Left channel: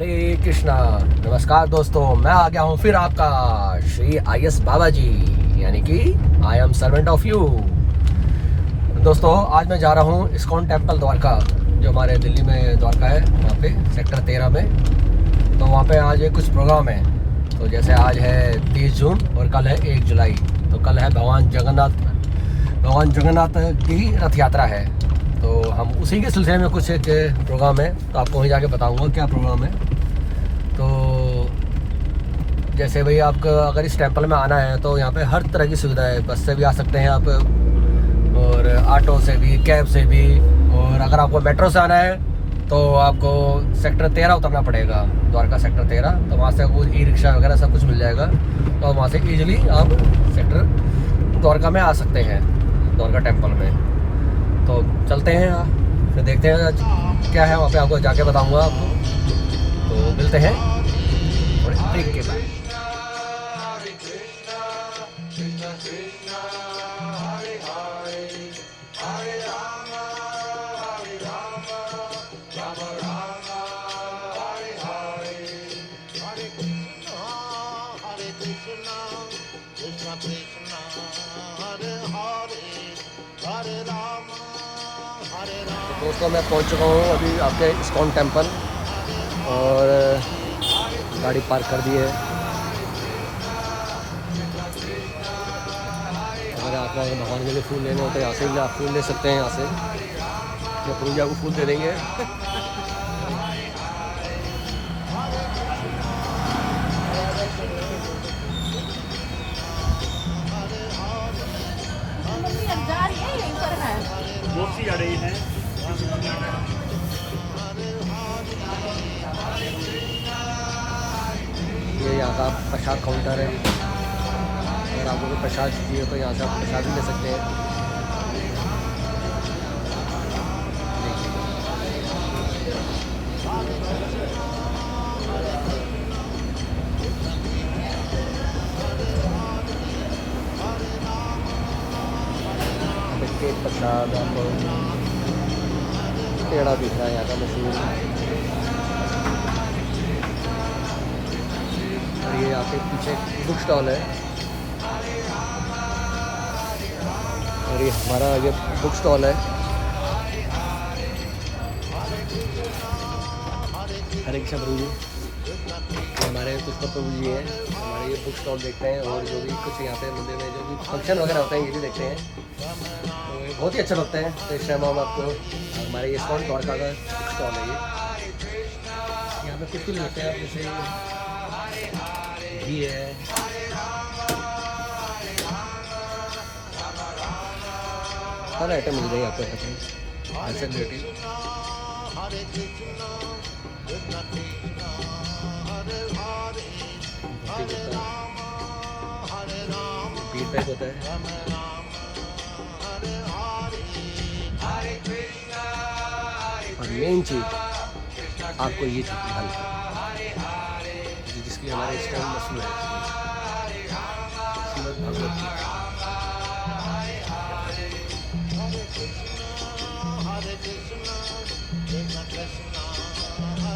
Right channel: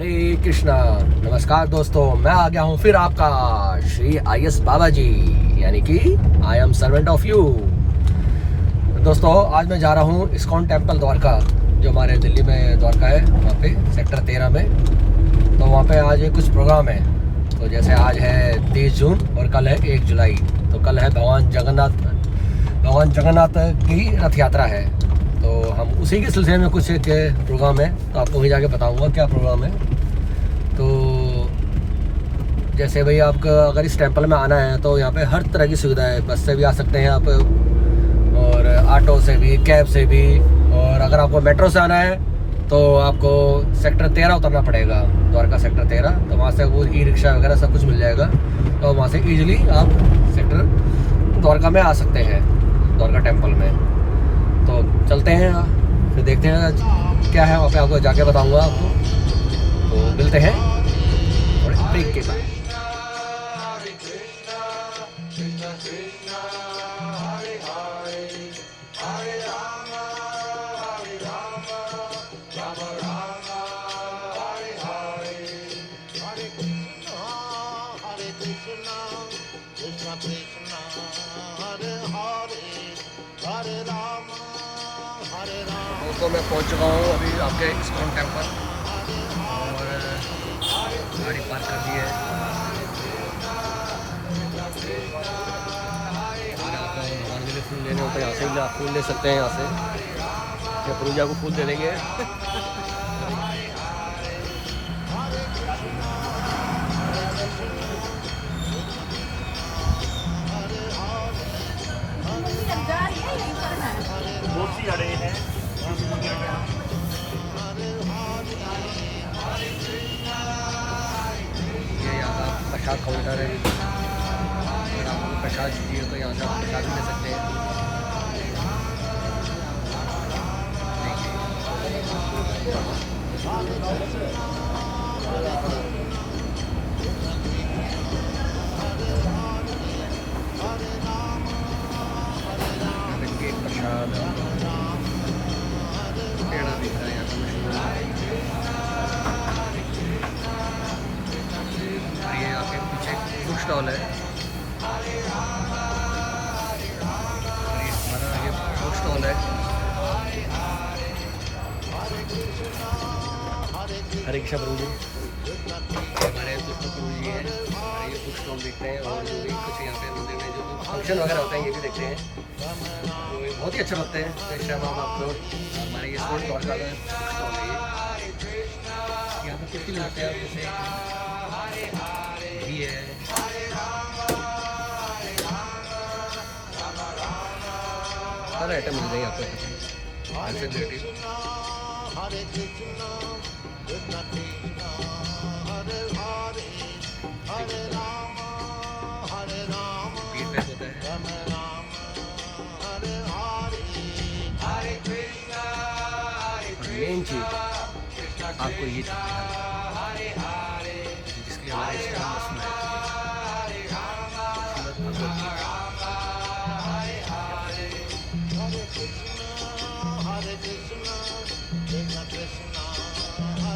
हरे कृष्णा। नमस्कार दोस्तों, मैं आ गया हूँ फिर आपका श्री IS बाबा जी, यानी कि I am servant of you. दोस्तों, आज मैं जा रहा हूँ इस्कॉन टेम्पल द्वारका, जो हमारे दिल्ली में द्वारका है, वहाँ पे सेक्टर 13 में। तो वहाँ पे आज कुछ प्रोग्राम है। तो जैसे आज है 30 जून और कल है 1 जुलाई। तो कल है भगवान जगन्नाथ की रथ यात्रा है। तो हम उसी के सिलसिले में कुछ एक प्रोग्राम है, तो आपको वहीं जाके बताऊंगा क्या प्रोग्राम है। तो जैसे भाई आपका अगर इस टेंपल में आना है तो यहाँ पे हर तरह की सुविधा है। बस से भी आ सकते हैं आप, और ऑटो से भी, कैब से भी। और अगर आपको मेट्रो से आना है तो आपको सेक्टर 13 उतरना पड़ेगा, द्वारका सेक्टर 13। तो वहाँ से वो ई-रिक्शा वगैरह सब कुछ मिल जाएगा। तो वहाँ से ईजिली आप सेक्टर द्वारका में आ सकते हैं, द्वारका टेंपल में। तो चलते हैं, फिर देखते हैं क्या है वहाँ पे, आपको जाके बताऊंगा आपको। तो मिलते हैं और ब्रेक के बाद। दोस्तों, मैं पहुंच चुका हूँ अभी आपके इस्कॉन टेंपल, और गाड़ी पार्क कर दी है। अगर आपको भगवान के लिए फूल लेने होते हैं यहाँ से ही आप फूल ले सकते हैं। यहाँ से या पूजा को फूल दे देंगे। ये यहाँ का प्रसाद काउंटर है। अगर आपको कोई प्रसाद चाहिए तो यहाँ से आप प्रसाद भी ले सकते हैं। केक प्रसाद, आपको पेड़ा दिख रहा है यहाँ का मशहूर। और ये आपके पीछे बुक स्टॉल है, और ये हमारा ये बुक स्टॉल है। हरे कृष्ण प्रभु जी, हमारे पुष्पा प्रभु जी है। हमारे ये बुक स्टॉल देखते हैं, और जो भी कुछ यहाँ पे मंदिर में जो भी फंक्शन वगैरह होते हैं ये भी देखते हैं। तो ये बहुत ही अच्छा लगता है। तो इस टाइम हम आपको हमारे ये इस्कॉन द्वारका का बुक स्टॉल है। ये यहाँ पे कुछ भी मिलते हैं, आप जैसे घी है, सारे आइटम मिल जाएंगे आपको। फीडबैक होता है। और मेन चीज आपको ये ध्यान जिसके लिए हमारे इस्लाम मसला है।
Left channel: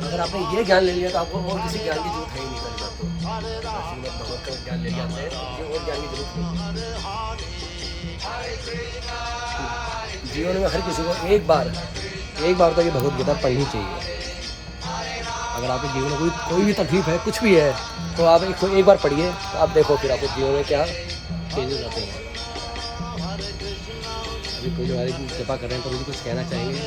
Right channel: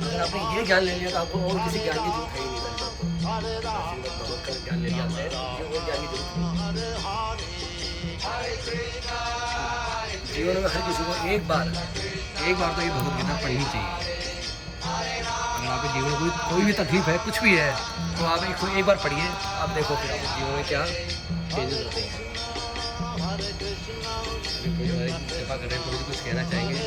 अगर आपने ये ज्ञान ले लिया तो आपको और किसी ज्ञान की जरूरत है ही नहीं। भगवत का ज्ञान ले लिया आपने, ये और ज्ञान की जरूरत नहीं। जीवन में हर किसी को एक बार तो ये भगवत गीता पढ़नी चाहिए। अगर आपके जीवन में कोई भी तकलीफ है, कुछ भी है, तो आप एक बार पढ़िए। तो आप देखो फिर आपके जीवन में क्या चेंजेस आते हैं। अभी पूजा वाले की कृपा कर रहे हैं, तो मुझे कुछ कहना चाहेंगे।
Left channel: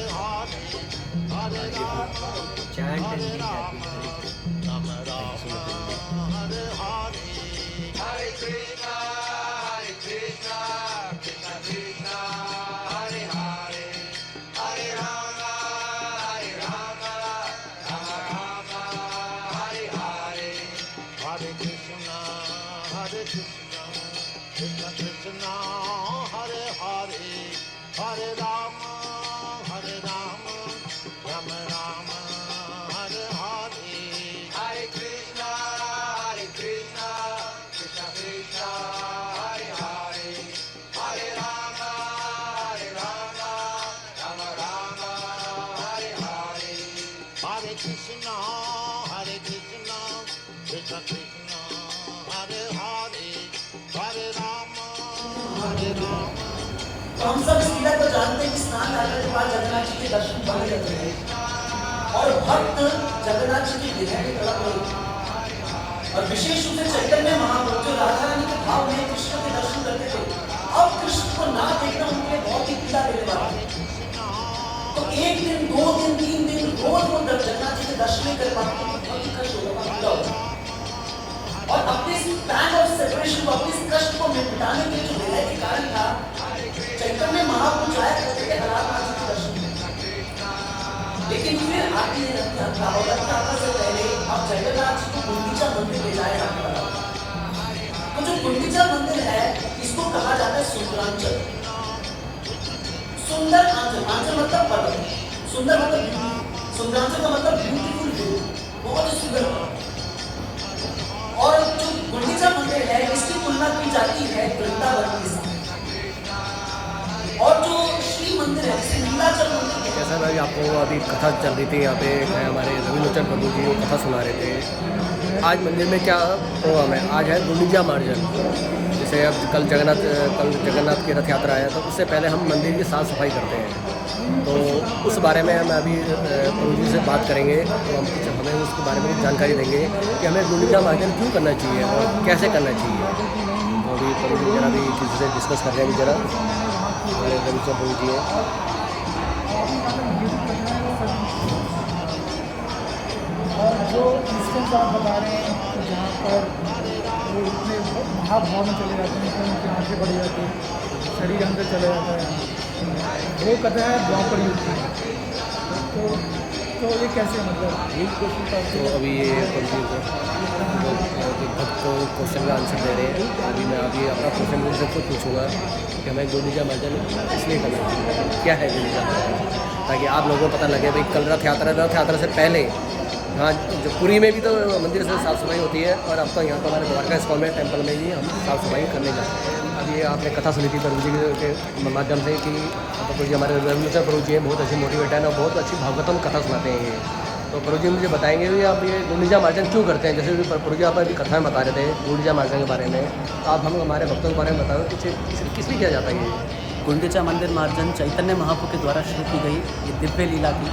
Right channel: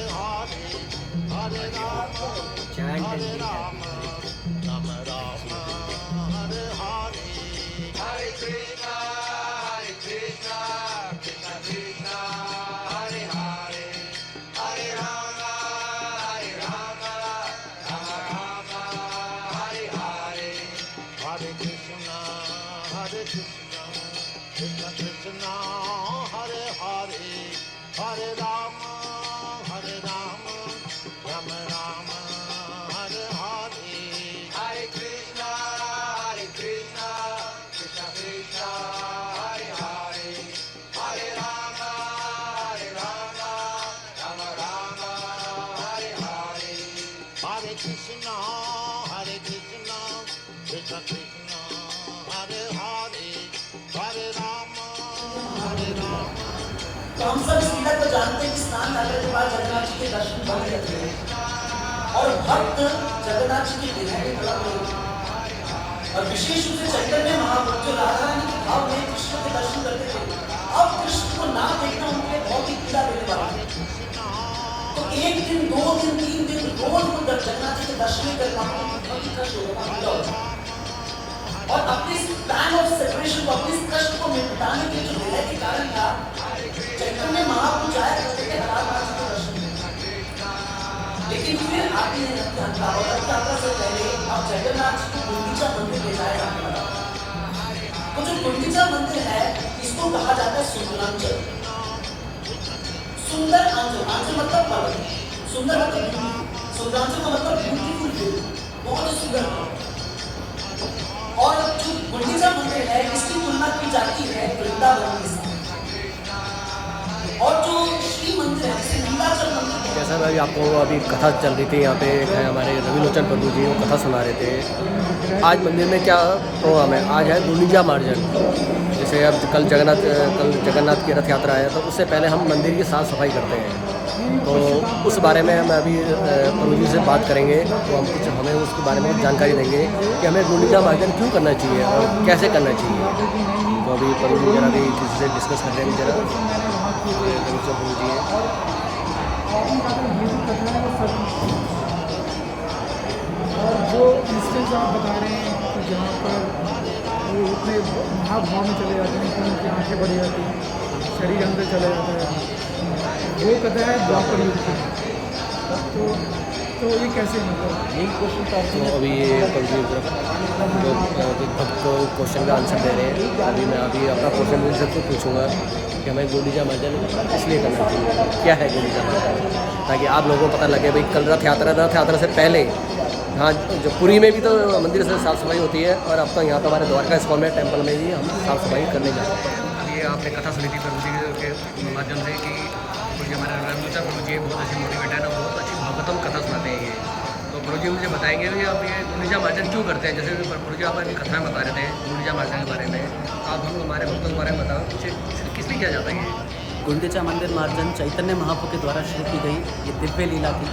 Hare Rama, Hare Rama, Rama Rama, Hare Hare, Hare Krishna, Krishna Krishna, Hare Hare, Hare Rama, Rama Rama, Hare Hare, Hare Krishna, Krishna तो हम सब इस लीला को जानते हैं कि स्नान करने के बाद जगन्नाथ जी के दर्शन बन जाते हैं और भक्त जगन्नाथ जी की विधा की तरफ नहीं। और विशेष रूप से चैतन्य महाप्रभु जो राधा रानी के भाव में कृष्ण के दर्शन करते थे, अब कृष्ण को ना देखना उनके लिए बहुत ही पीड़ा देने वाला। तो एक दिन, 2 दिन, 3 दिन रोज वो जगन्नाथ जी के दर्शन नहीं कर पाते, बहुत ही कष्ट होगा, पीड़ा होगा। और अपने इस प्लान ऑफ सेपरेशन को, अपने इस कष्ट को मिटाने के जो विलय के कारण था, चैतन्य महाप्रभु जाया करते थे राधा जी के दर्शन। लेकिन फिर आगे रथयात्रा से पहले अब जगन्नाथ जी को गुंडीचा मंदिर ले जाया जाने वाला। तो जो गुंडीचा मंदिर है, इसको कहा जाता है सुंदरांचल। सुंदर आंचल, आंचल मतलब पर्वत, सुंदर मतलब ब्यूटी, सुंदरांचल का मतलब ब्यूटीफुल व्यू, बहुत ही सुंदर। और जो गुंडीचा मंदिर है, इसकी तुलना की जाती है वृंदावन के साथ। और जो श्री मंदिर है, जिसे नीलाचल मंदिर है, जैसा भाई आपको अभी कथा चल रही थी, यहाँ पे एक है हमारे रविलोचन प्रभु जी, वो कथा सुना रहे थे। आज मंदिर में क्या प्रोग्राम है? आज है गुंडीचा मार्जन। जैसे अब कल जगन्नाथ की रथ यात्रा है, तो उससे पहले हम मंदिर की साफ़ सफाई करते हैं। तो उस बारे में हम अभी प्रभु जी से बात करेंगे, तो हम कुछ हमें उसके बारे में कुछ जानकारी देंगे कि हमें गुंडीचा मार्जन क्यों करना चाहिए और कैसे करना चाहिए। तो अभी प्रभु जी जरा भी किसी से डिस्कस कर रहे हैं जरा। प्रभु जी और जो इंस्टेंस आप बता रहे हैं कि जहाँ पर वो इतने महाभाव में चले जाते हैं कि उनकी आँखें बढ़ जाती हैं, शरीर अंदर चला जाता है, वो कथा है द्वापर युग की। तो ये कैसे मतलब तो अभी ये प्रभु जी जो भक्त को क्वेश्चन का आंसर दे रहे हैं, अभी मैं अपना क्वेश्चन उनसे खुद पूछूंगा कि हमें गुंडीचा मार्जन इसलिए करना चाहिए, क्या है गुंडीचा मार्जन, ताकि आप लोगों को पता लगे भाई कल रथ यात्रा से पहले हाँ जो पुरी में भी तो मंदिर से साफ़ सफाई होती है, और अब तो यहाँ तो हमारे द्वारका इस्कॉन में टेम्पल में भी हम साफ़ सफाई करने जा रहे हैं। अब ये आपने कथा सुनी थी प्रभु जी के माध्यम से कि प्रभु जी हमारे रविलोचन प्रभु जी बहुत अच्छी मोटिवेटर है और बहुत अच्छी भागवतम कथा सुनाते हैं ये। तो प्रभु जी मुझे बताएंगे कि आप ये गुंडीचा मार्जन क्यों करते हैं। जैसे प्रभु जी आप अभी कथा में बता रहे थे गुंडीचा मार्जन के बारे में, आप हम हमारे भक्तों के बारे में बताओ कुछ किस लिए किया जाता है ये गुंडीचा मंदिर मार्जन चैतन्य महाप्रभु के द्वारा शुरू की गई ये दिव्य लीला थी।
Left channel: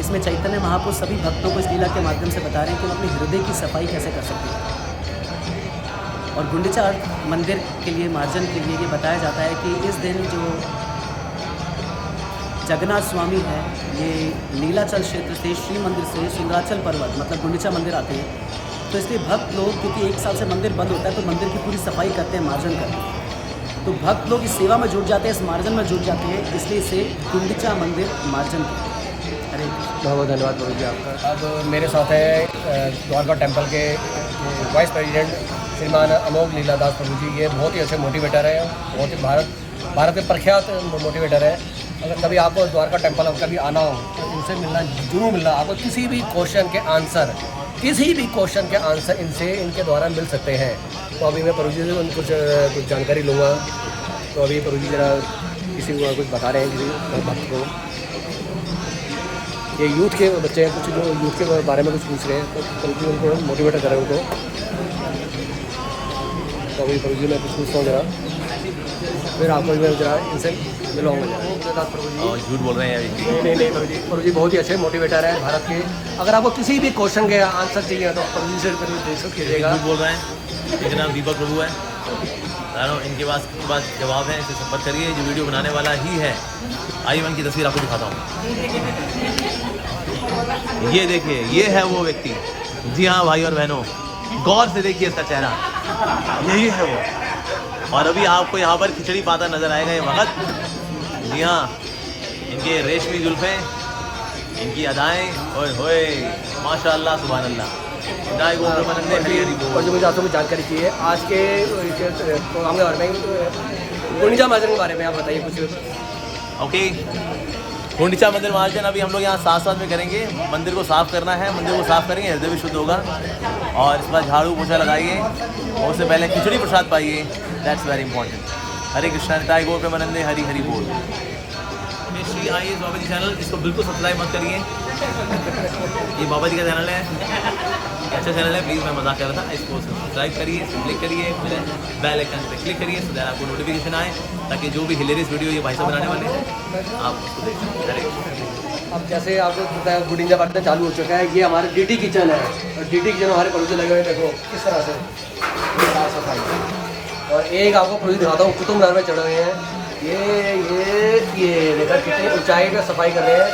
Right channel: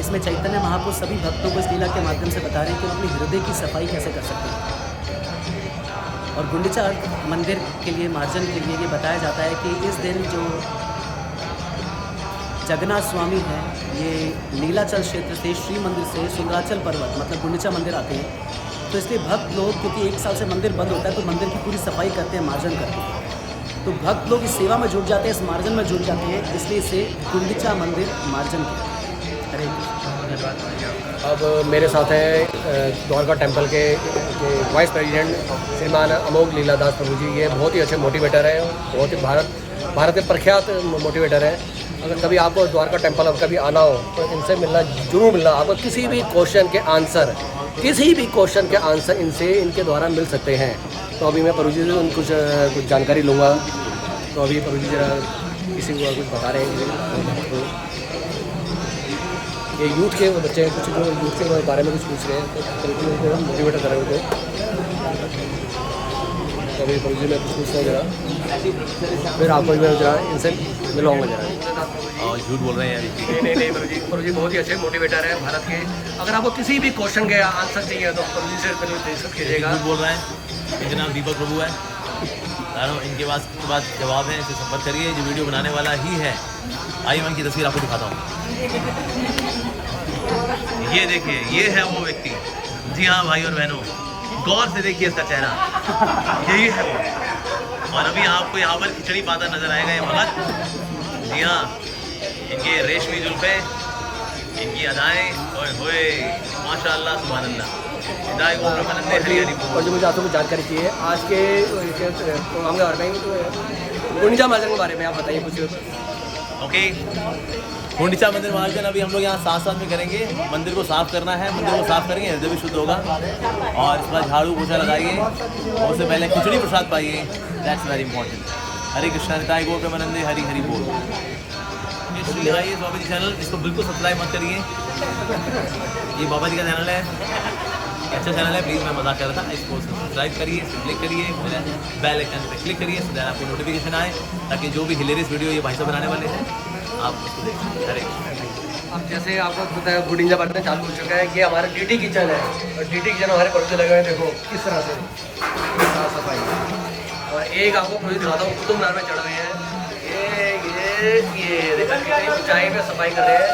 इसमें चैतन्य महाप्रभु सभी भक्तों को इस लीला के माध्यम से बता रहे हैं कि हम अपने हृदय की सफाई कैसे कर सकते हैं। और गुंडीचा मंदिर के लिए मार्जन के लिए ये बताया जाता है कि इस दिन जो जगन्नाथ स्वामी हैं, ये नीलाचल क्षेत्र से श्री मंदिर से सुंदराचल पर्वत मतलब गुंडीचा मंदिर आते हैं। तो इसलिए भक्त लोग, क्योंकि 1 साल से मंदिर बंद होता है, तो मंदिर की पूरी सफाई करते हैं, मार्जन करते हैं। तो भक्त लोग इस सेवा में जुट जाते हैं, इस मार्जन में जुट जाते हैं, इसलिए इसे गुंडीचा मंदिर मार्जन करते हैं। हरे कृष्ण। बहुत धन्यवाद प्रभु जी आपका। अब मेरे साथ है द्वारका टेम्पल के वाइस प्रेसिडेंट श्रीमान अमोघ लीलादास प्रभु जी। ये बहुत ही अच्छे मोटिवेटर है, बहुत ही भारत के प्रख्यात मोटिवेटर है। अगर कभी आपको द्वारका टेम्पल अब कभी आना हो तो इनसे मिलना जरूर मिलना। आपको किसी भी क्वेश्चन के आंसर इनसे इनके द्वारा मिल सकते हैं। तो अभी मैं प्रभु जी से कुछ जानकारी लूँगा। तो अभी प्रभु जी जरा किसी को कुछ बता रहा हूँ। ये यूथ के बच्चे कुछ यूथ के बारे में कुछ पूछ रहे हैं, तो उनको हम मोटिवेट कर रहे होते। तो अभी प्रभु जी मैं कुछ पूछता हूँ जरा, फिर आपको मैं जरा इनसे मिलाऊंगा जरा। झूठ बोल रहे हैं अभी। नहीं प्रभु जी बहुत ही अच्छे मोटिवेटर है भारत के। अगर आपको किसी भी क्वेश्चन के आंसर चाहिए तो प्रभु जी से डिस्कस कीजिएगा। झूठ बोल रहे हैं। इनका नाम दीपक प्रभु है। इनके पास जवाब है, इसे संपर्क करिए। जो वीडियो बनाने वाला ही है, आइए मैं इनकी तस्वीर आपको दिखाता हूँ। ये देखिए, ये है वो व्यक्ति। जी हाँ भाई और बहनों, गौर से देखिए इसका चेहरा, यही है वो। और अभी आपको यहाँ पर खिचड़ी पाता नजर आएगा ये भगत। जी हाँ, इनके रेशमी जुल्फे, इनकी अदाएं, ओए होए माशाअल्लाह सुभान अल्लाह। और जो मुझे आपको कुछ जानकारी चाहिए आज के प्रोग्राम के बारे में, गुंडीचा मार्जन के बारे में आप बताइए कुछ। ओके, गुंडीचा मंदिर मार्जन अभी हम लोग यहाँ साथ में करेंगे। मंदिर को साफ़ करना है, मंदिर को साफ़ करेंगे, हृदय भी शुद्ध होगा। और इस बार झाड़ू पोछा लगाइए, और उससे पहले खिचड़ी प्रसाद पाइए, दैट्स वेरी इंपॉर्टेंट। हरे कृष्णा निताय गौर प्रेमानंदे, हरी हरी बोल। श्री आइए बाबा जी चैनल, इसको बिल्कुल सब्सक्राइब मत करिए। ये बाबा जी का चैनल है, ये अच्छा चैनल है, प्लीज़ मैं मजाक कर रहा था। इसको सब्सक्राइब करिए, क्लिक करिए, मेरे बेल आइकन पे क्लिक करिए, सो दैट आपको नोटिफिकेशन आए, ताकि जो भी हिलेरियस वीडियो ये भाई साहब बनाने वाले हैं आप उसको देख सकें। अब जैसे आपको पता है गुडिंजा बांटना चालू हो चुका है। ये हमारा डीटी किचन है और डीटी किचन हमारे पड़ोस लगे हुए हैं। देखो किस तरह से साफ सफाई। और एक आपको पूरी दिखाता हूँ, कुतुब मीनार में चढ़ रहे हैं। ये देखो कितनी ऊंचाई में सफाई कर रहे हैं।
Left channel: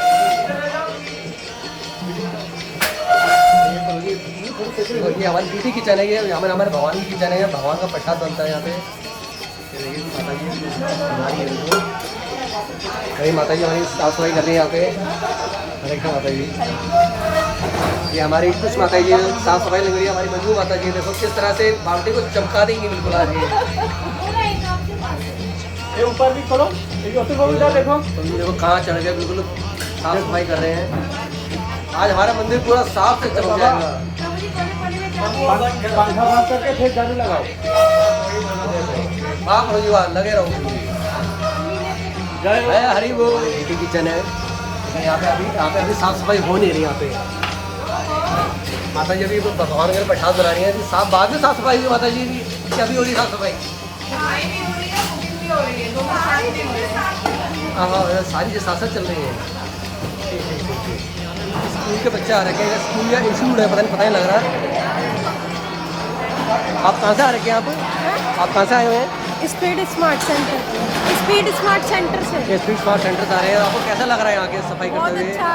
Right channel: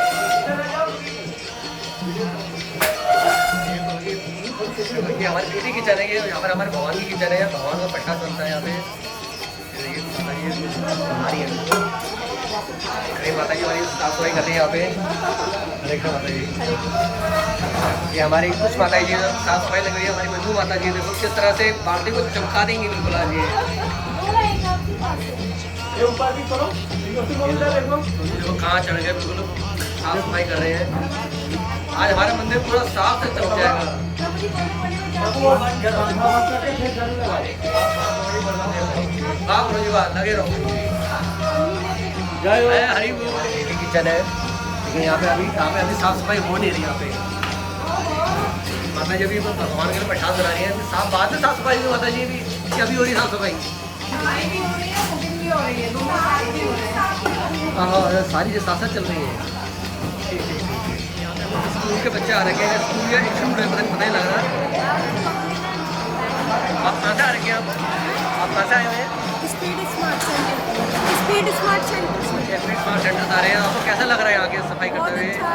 ये हमारी डीटी किचन है। ये हमारे भगवान की किचन है। भगवान का प्रसाद बनता है यहाँ पे। ये देखिए माता जी बना रही है। कई माता जी हमारी साफ सफाई कर रही है यहाँ पे। देखो माता जी, ये हमारी कुछ माता जी साफ सफाई लग रही है। हमारी मजबूत माता जी देखो किस तरह से बाल्टी को चमका देंगी बिल्कुल। आज ये ऊपर भी थोड़ा देखो कहाँ चढ़ गया, बिल्कुल साफ सफाई कर रहे हैं। आज हमारा मंदिर पूरा साफ से चमक जाएगा। वाह प्रभु जी वाह, लगे रहो। जय हरि बोल। डीटी किचन है। यहाँ पे अभी साफ सफाई हो नहीं रही। यहाँ पे माता जी अभी भगवान के प्रसाद बना रही है। साफ बाद में साफ सफाई की माता जी की अभी हो रही साफ सफाई। हाँ सारी चीज़ साथ साथ चल रही है। स्कूल के बच्चे आ रखे हैं। स्कूल या इंस्टीट्यूट है, पता नहीं लग रहा। आप कहाँ से आ रखे हैं? आप कहाँ से आए हुए हैं? स्पीड स्मार्ट सेंटर से। स्पीड स्मार्ट सेंटर से आ रहे हैं। आपको कैसा लग रहा है यहाँ के सफाई करते हुए? अच्छा।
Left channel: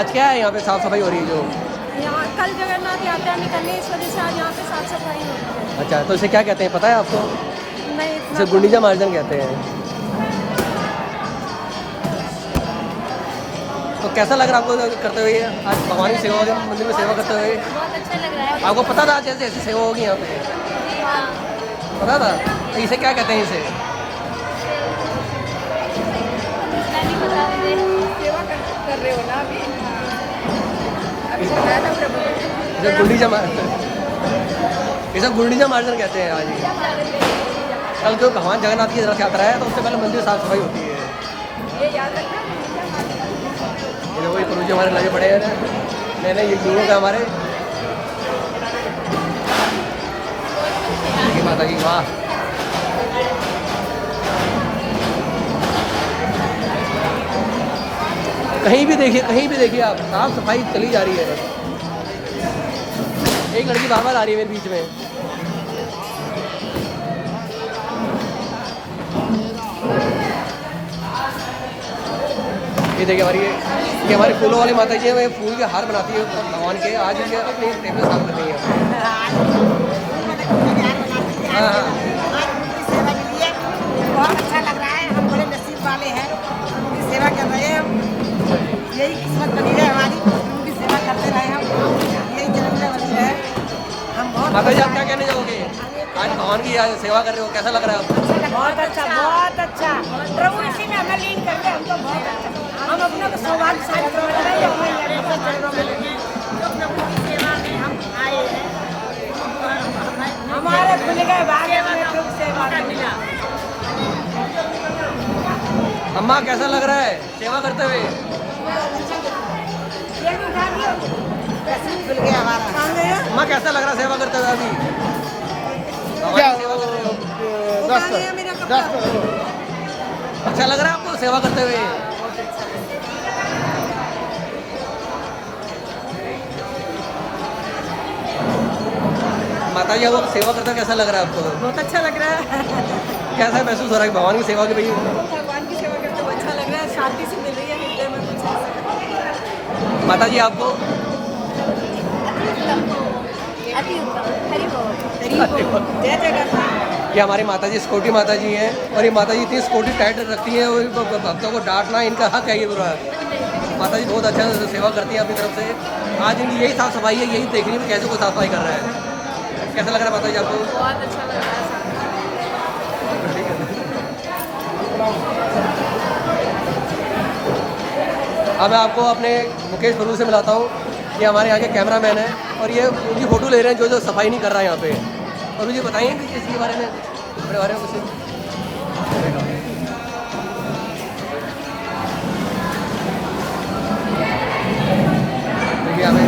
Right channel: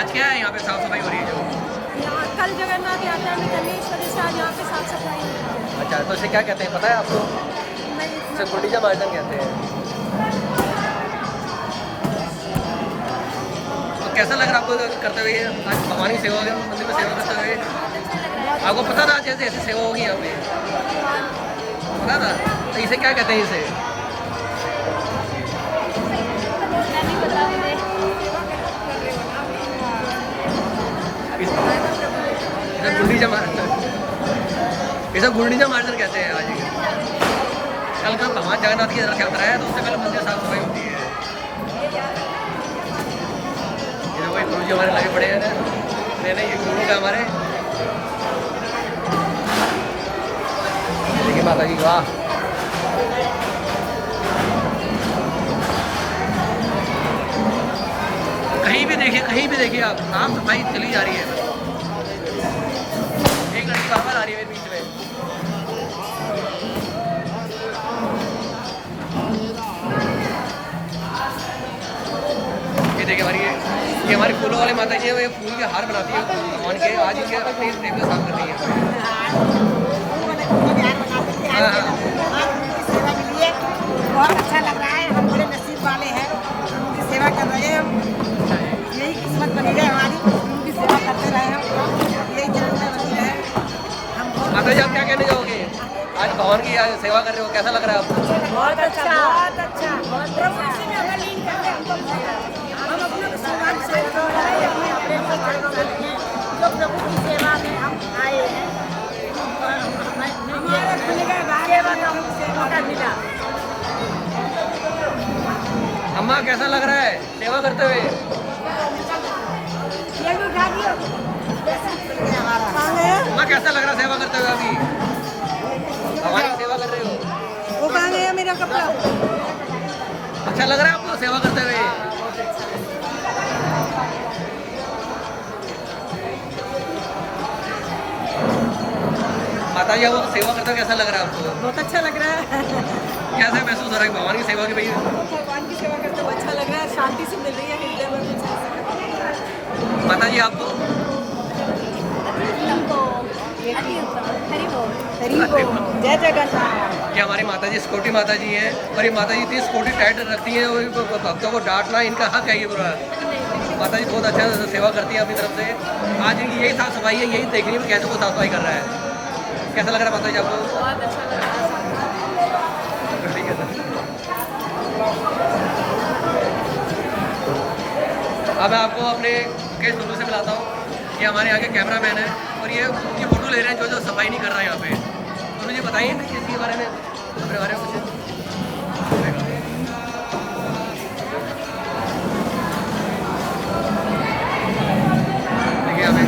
आज क्या है यहाँ पे साफ सफाई हो रही है? जो यहाँ कल जगन्नाथ यात्रा निकलने इस वजह से आज यहाँ पे साफ सफाई हो रही है। अच्छा, तो इसे क्या कहते हैं पता है आपको? नहीं इतना इसे गुंडीचा मार्जन कहते हैं। तो कैसा लग रहा है आपको करते हुए आज भगवान की सेवा मंदिर में सेवा करते हुए? बहुत अच्छा लग रहा है। आपको पता था आज ऐसे सेवा होगी यहाँ पे? पता था? तो इसे क्या कहते हैं? इसे नहीं पता मुझे। इसे गुंडीचा मार्जन कहते हैं। आज कल जो भगवान जगन्नाथ की रथ यात्रा है तो उससे पहले मंदिर साफ सफाई होती है। ये वही प्रभु जी हमारे लगे पड़े हैं नए ये गुरुओं का हमारे। देखिए माता जी वाह। कहीं भी देखिए आप साफ सफाई चली जा रही है। बस एक लड़की बाहर आ रही है मेरे बीच में। ये देखिए ये हमारी फूलों वाली माता जी है। ये फूल के हार बनाती है भगवान के। आज इनके अपनी टेबल साफ कर रही है। हाँ हाँ सेवा के लिए बहुत अच्छा लग रहा है। हम बड़े नसीब वाले हैं, उनकी सेवा कर रहे हैं। यही किस्मत बनी रहे हमारी, उनकी सेवा करते रहे हम, यही जन्म बनी रहे हम। माता जी आप क्या कहने जाओगे? आज भगवान की सेवा कर रहे हो, कैसा लग रहा है आपको? बहुत अच्छा, बहुत अच्छा। प्रभु जी ने हमें लीन कर दिया, हमको बहुत अच्छा। हम अपने को सौभाग्यशाली समझ रहे हैं। प्रभु की सेवा में हम आए हैं। हमारे खुल गए बारे में सेवा का मिला। अम्मा कैसा लग रहा है सेवा करते हुए? अम्मा कैसा लग रहा है सेवा करते हुए? अभी भगवान की सेवा कर रहे हो, अच्छा लग रहा है आपको सेवा करते हुए? माता जी वो सेवा करते हुए कैसा लग रहा है आपको? बहुत अच्छा लग रहा है। कैसा महसूस हो रहा है कि भगवान की सेवा की? भाई भगवान की सेवा करते हुए अच्छा लग रहा है, शांति से मिल रही है हृदय में कुछ। माता जी आपको? अति उत्तम। हरि बोल। जय जगन्नाथ। ये हमारी माता जी स्कूटी माता जी हैं। और ये माता जी इतनी स्कूटी टाइट रखती हैं और भक्तों को डांटना इनका हक है। ये पूरा माता जी बहुत अच्छा सेवा करती हैं अपनी तरफ से। आज इनकी यही साफ सफाई है, यही देखनी है कैसे वो साफ सफाई कर रहा है। कैसा लग रहा है माता जी आपको? बहुत अच्छा लग रहा है। अब मैं आपको अपने मुकेश गुरु से मिलाता हूँ। ये हमारे यहाँ के कैमरामैन है और ये उनकी फ़ोटो ले रहे हैं जो सफाई नहीं कर रहा है यहाँ पे। और मुझे बताइए कि इसके बारे में अपने बारे में कुछ। देखिए हमें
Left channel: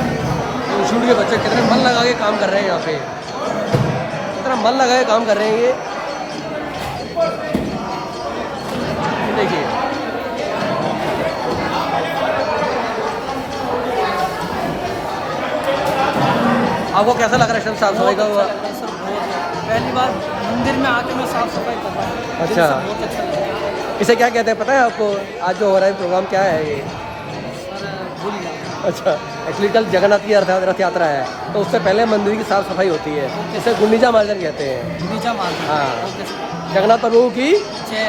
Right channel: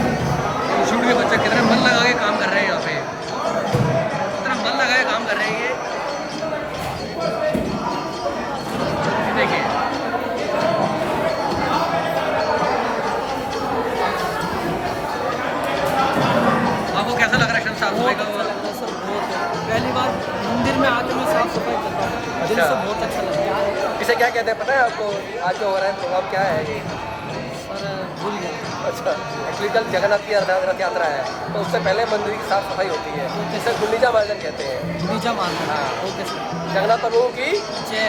इंस्टीट्यूट के बच्चे कितने मन लगा के काम कर रहे हैं यहाँ पे, कितना मन लगा के काम कर रहे हैं ये देखिए। आपको कैसा लग रहा है साफ सफाई का? अच्छा लग रहा है सर, बहुत है। पहली बार मंदिर में आके मैं साफ सफाई कर रहा हूँ, दिल से बहुत अच्छा लग रहा है। इसे क्या कहते हैं पता है आपको? आज जो हो रहा है प्रोग्राम क्या है? सर भूल गया। अच्छा, एक्चुअली कल जगन्नाथ की रथ यात्रा है, तो उससे पहले मंदिर की साफ सफाई होती है, तो कैसे गुंडीचा मार्जन कहते हैं। गुंडीचा मार्जन, हाँ, तो कैसे जगन्नाथ प्रभु की जय।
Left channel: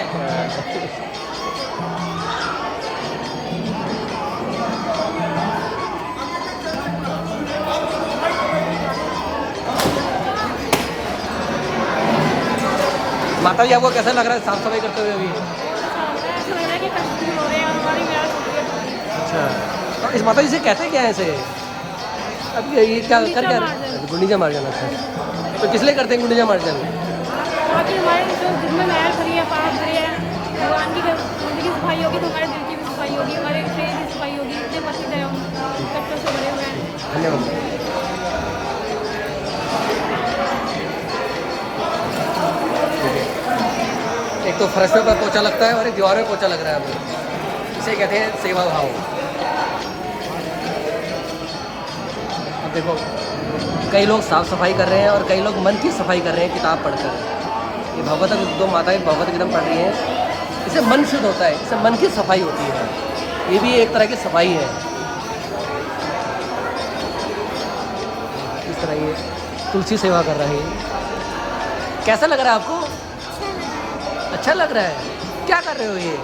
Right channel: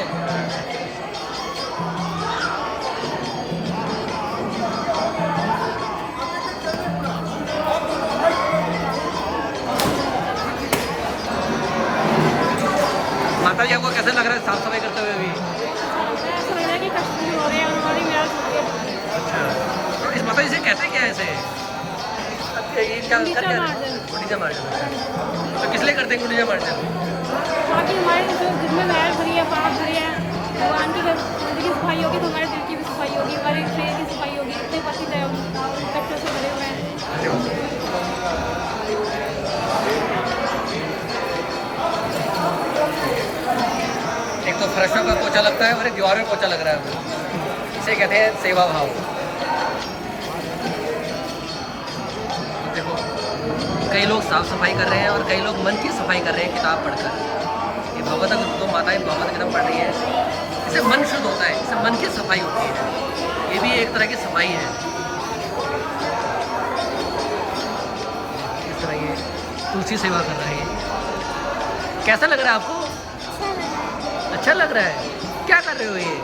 माता जी आपको कैसा लग रहा है साफ सफाई करते हुए अभी? ऐसा लग रहा है कि कष्ट दूर हो रहे हैं और हमारी मेहनत हो रही है। अच्छा, और इस माता जी से कहते क्या है इसे? ये क्या गुंडीचा मार्जन। गुंडीचा मार्जन। अच्छा, तो किस लिए करते हैं गुंडीचा मार्जन? ताकि हमारे जो दिल में महल भरी है, पाप भरी है, भगवान की मंदिर की सफाई होगी तो हमारे दिल की भी सफाई होगी, हमारे शरीर की सफाई होगी। इतने पतित है हम, कष्टों से भरे हुए हैं। धन्यवाद। एक तो फर्शों पर पोछा लगता है और एक दीवार में पोछा लग रहा है हमें, इसे कहते हैं सेवा भाव। अब देखो कई लोग साफ सफाई कर रहे हैं और कई लोग मन की सफाई कर रहे हैं किताब पढ़कर। ये भगवत दो माताएं भगवत गीता पढ़ रही हैं, इससे मन शुद्ध होता है, इससे मन की सफाई होती है। ये भी एक तरह की सफाई है। इस तरह ये तुलसी सेवा कर रहा है। कैसा लग रहा है आपको? अच्छा लग रहा है। क्या कर रहे हो ये?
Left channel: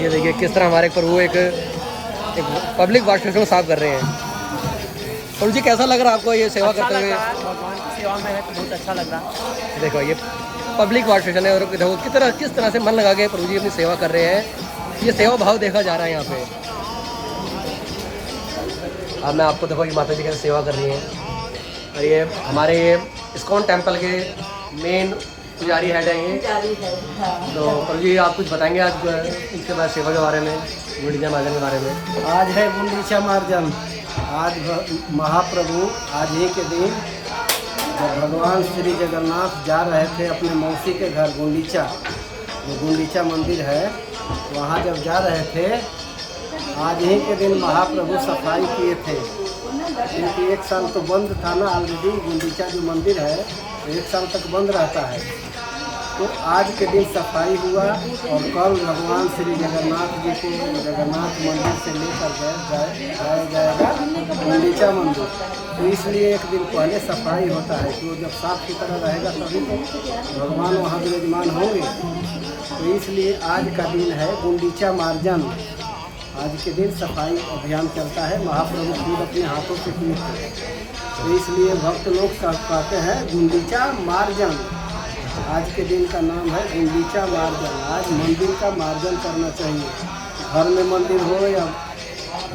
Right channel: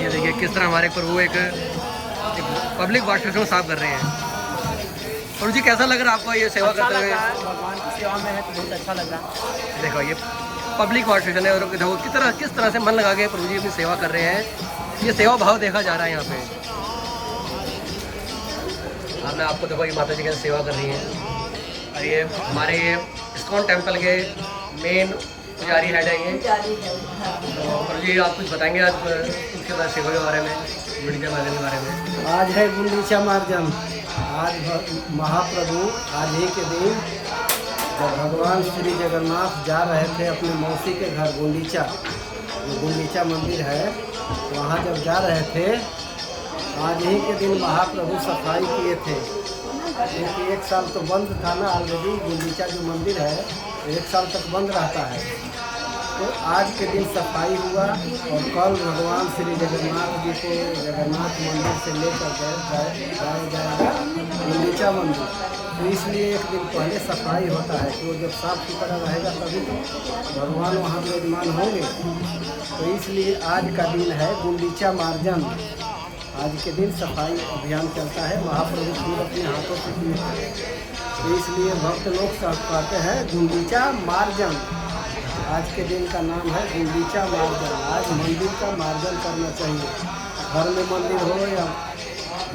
ये देखिए किस तरह हमारे प्रभु एक पब्लिक वॉशरूम को साफ कर रहे हैं। प्रभु जी कैसा लग रहा है आपको ये सेवा करते हुए? भगवान की सेवा में है तो बहुत अच्छा लग रहा है। देखो ये पब्लिक वॉशरूम है और देखो किस तरह से मन लगा के प्रभु जी अपनी सेवा कर रहे हैं। ये सेवा भाव देखा जा रहा है यहाँ पे। अब मैं आपको देखो ये माता जी कैसे सेवा कर रही हैं। और ये हमारे इस्कॉन टेम्पल के मेन पुजारी हेड है ये। तो प्रभु जी आप कुछ बताएंगे आज इसके बाद सेवा के बारे में, गुंडीचा मार्जन के बारे में? आज है गुंडीचा मार्जन। आज महाप्रभु आज ही के दिन जब भगवान श्री जगन्नाथ जा रहे थे अपने मौसी के घर गुंडीचा, जो गुंडीचा मंदिर है, वहाँ जब जा रहे थे आज ही के दिन महाप्रभु सफाई किए थे। क्योंकि एक साल तो बंद था ना ऑलरेडी, गुंडीचा जो मंदिर है 1 साल तक बंद रहता है। तो आज के दिन सफाई हुआ और कल भगवान श्री जगन्नाथ जी को जगन्नाथ मंदिर से लेकर जाया जाएगा गुंडीचा मंदिर। तो इसलिए एक दिन पहले सफाई होता है कि वो जब साफ सुथरा रहेगा तभी तो भगवान वहाँ विराजमान होंगे। तो इसलिए आज का दिन है गुंडीचा मार्जन। आज के दिन सफाई अभियान चलता है, महाप्रभु खुद अपने हाथों से किए थे। तो इसलिए भक्त लोग कहते हैं गुंडीचा मार्जन। आज के दिन का नाम है गुंडीचा मार्जन। आज मंदिर का मार्जन करना चाहिए। घर में मंदिर हो या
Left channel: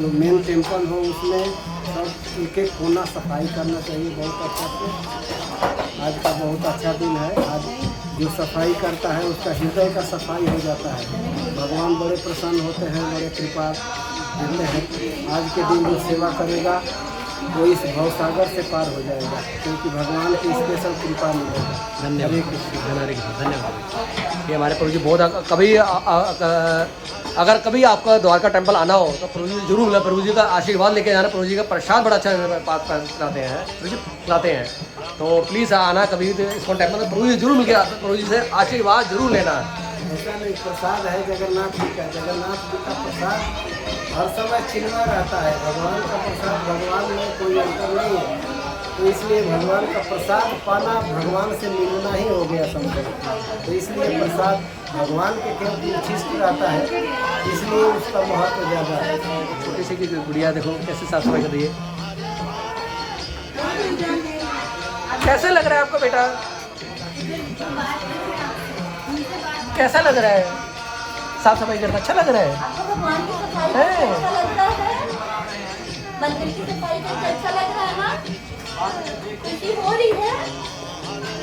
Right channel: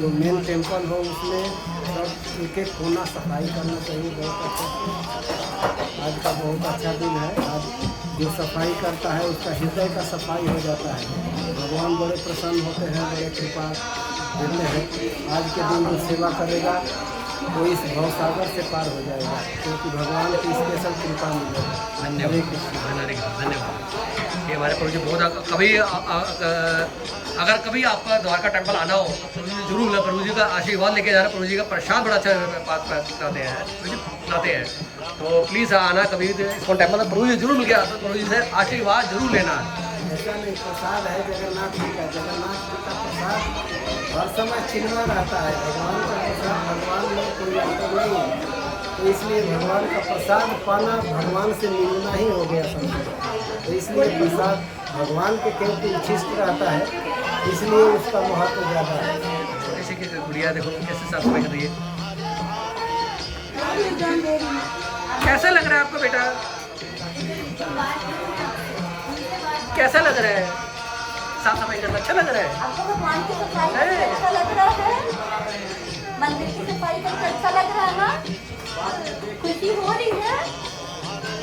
जो मेन टेम्पल हो उसमें सब एक एक कोना सफाई करना चाहिए बहुत अच्छा से। आज का बहुत अच्छा दिन है। आज जो सफाई करता है उसका हृदय का सफाई हो जाता है। भगवान बड़े प्रसन्न होते हैं, बड़े कृपा देते हैं। आज के दिन जो सेवा करेगा वो इस भवसागर से पार हो जाएगा, क्योंकि भगवान की स्पेशल कृपा मिलेगा। धन्यवाद। धन्यवाद। ये हमारे प्रभु जी बहुत कभी अगर कभी आपका द्वारका टेम्पल आना हो तो प्रभु जी जरूर मिलना, प्रभु जी का आशीर्वाद लेके जाना। प्रभु जी का प्रसाद बड़ा अच्छा खिलाते हैं, प्रभु जी खिलाते हैं। तो प्लीज़ आना कभी इसको टेम्पल, प्रभु जी जरूर मिल के प्रभु जी से आशीर्वाद जरूर लेना। ऐसा नहीं, प्रसाद है जगन्नाथ जी का। जगन्नाथ जी का प्रसाद हर समय छिलना रहता है। भगवान का प्रसाद, भगवान में कोई अंतर नहीं है। तो इसलिए भगवान का प्रसाद पाना भगवान से मिलना ही हो गया समझो। तो इसलिए प्रसाद भगवान के केंद्र उच्छिष्ट रहता है, इसलिए उसका महत्व ज़्यादा है। छोटी सी की गुड़िया देखो कैसे साफ सफाई कर रही है। कैसा लग रहा है आपको बेटा? कैसा लग रहा है साफ सफाई करना? अच्छा लग रहा है?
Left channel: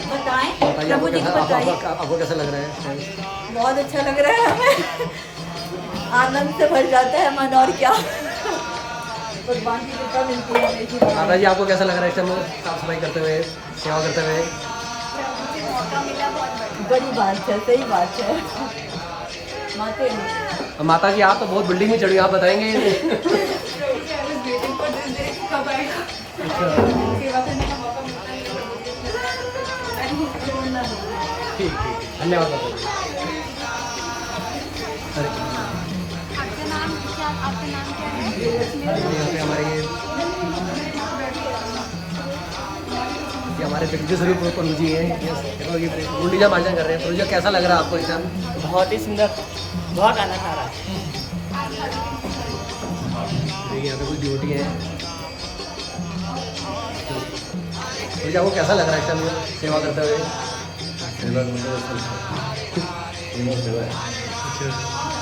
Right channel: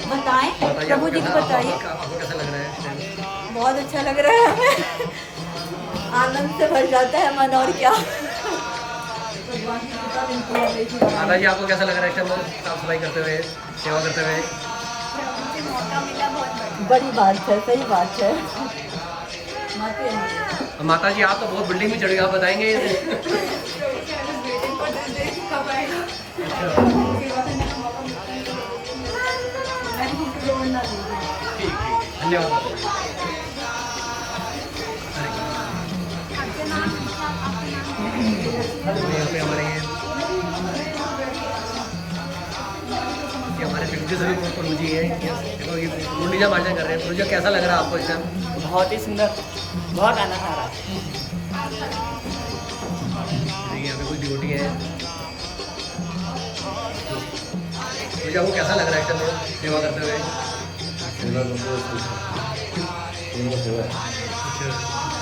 बताएं बताइए प्रभु जी को बताइए। आपको कैसा लग रहा है? बहुत अच्छा लग रहा है हमें, आनंद से भर जाता है मन, और क्या। भगवान की कृपा मिलती है हमें। माता जी आपको कैसा लग रहा है इस टाइम साफ सफाई करते हुए, सेवा करते हुए? मौका मिला, बहुत बड़ी बात है, सही बात है। माते और माता जी आप तो बहुत बिल्डिंग में चढ़ी, आप बताएंगे ये? ठीक धन्यवाद माता जी। आपका नाम क्या? आपका नाम? यहाँ पे हमारे ये हमारे जगदीश स्वरूप प्रभु जी हैं, देखो ये गुंडीजा मार्जन कर रहे हैं। प्रभु जी कैसा लग रहा है आपको इस टाइम? बहुत ही सुंदर, बहुत आनंद आ रहा है। देखिए यहाँ पे कुछ ड्यूटी है। प्रभु जी आपको कैसा लग रहा है इस टाइम सेवा करते हुए?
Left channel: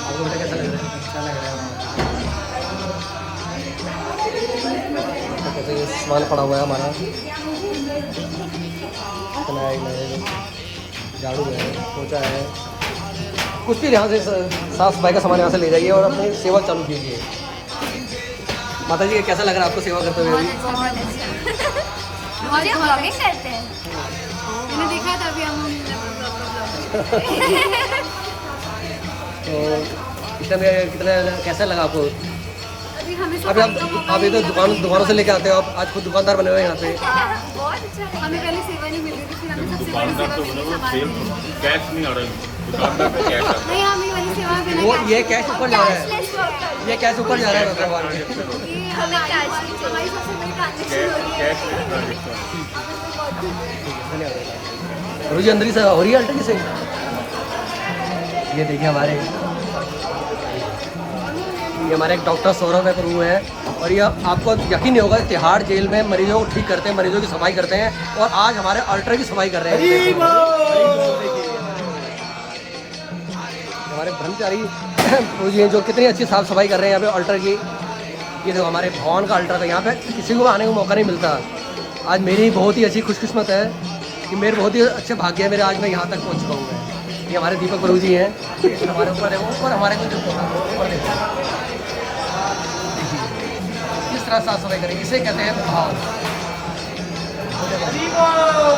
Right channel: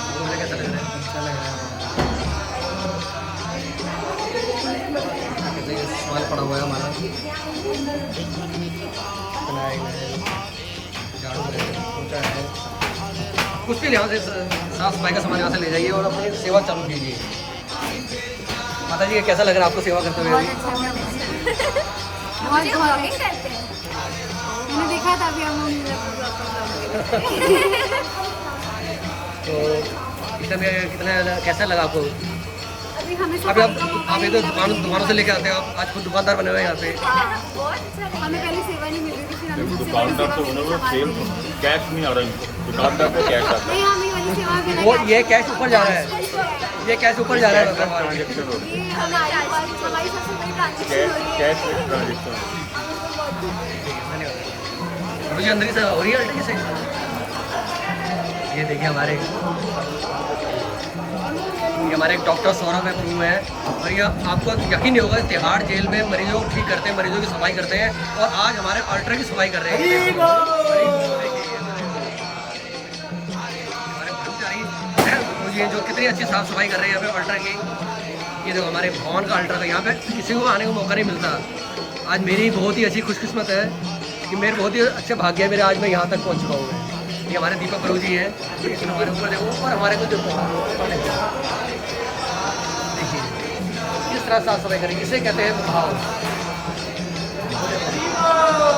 आपको मुझे कैसा लग रहा है? अच्छा लग रहा है। कैसे ये सामान पड़ा हुआ है हमारा, फिनाइल है, झाड़ू है, पोछा है, कुछ भी यहाँ से साफ सफाई का सामान यहाँ से ले जाइए और अपनी सेवा चालू कीजिए। माता जी कैसा लग रहा है आपको सेवा करते हुए? अभी बहुत ब्लॉगिंग करते हैं, मैंने देखा था अभी हम तो इस टाइम कितना कैसा लगा आपको? अभी हमें अभी आप ये तो दुकानों से लेके आते हो, आप आज खुद दुकानदार बने हुए हैं यहाँ पे। बहुत अच्छा, हमें पहले सेवा नहीं मिल रही थी, फिर हमें सबसे बड़ी सेवा मिली सामान देने की। कैश नहीं आ रहा दुकानदार पे कैश नहीं, हमें वाली सेवा बिना वो ये कैश ऊपर जा रहा है, ये कैश ऊपर जा रहा है भगवान के। ये हमारी हमारी सबसे बड़ी ट्रांजेक्शन हो रही है। धन्यवाद। प्रभु जी अंदर ही सेवा हो रही है अल्टे से। ये देखिए हमारे एक डॉक्टर सौरभ है प्रभु हैं, और ये आपको यकीन नहीं होगा तिहाड़ जेल में मरीजों को ठीक करते हैं, मरीजों की सफाई करते हैं, और आज हमारे अल्टर की सफाई कर रहे हैं। हमारे ब्रह्मचारी प्रभु जी हैं जो कितनी अच्छी साफ सफाई कर रहे हैं यहाँ पे अल्टर की। ये जो हमारे भवन का अल्टर था, यहाँ पे किसी को आने का मौका नहीं मिलता। आज मेरी बहुत ही अच्छी खुशकिस्मत है कि मेरे बहुत ही अच्छे भाग्य है मेरे, आज मैं यहाँ तक पहुँच चुका हूँ। मैं ये हमारे दीपक प्रभु जी हैं, हमारे ऊपर देखो, और हमारे कुछ ऊपर देखिए किस तरह साफ सफाई करेंगे, इसे कहते हैं भाव।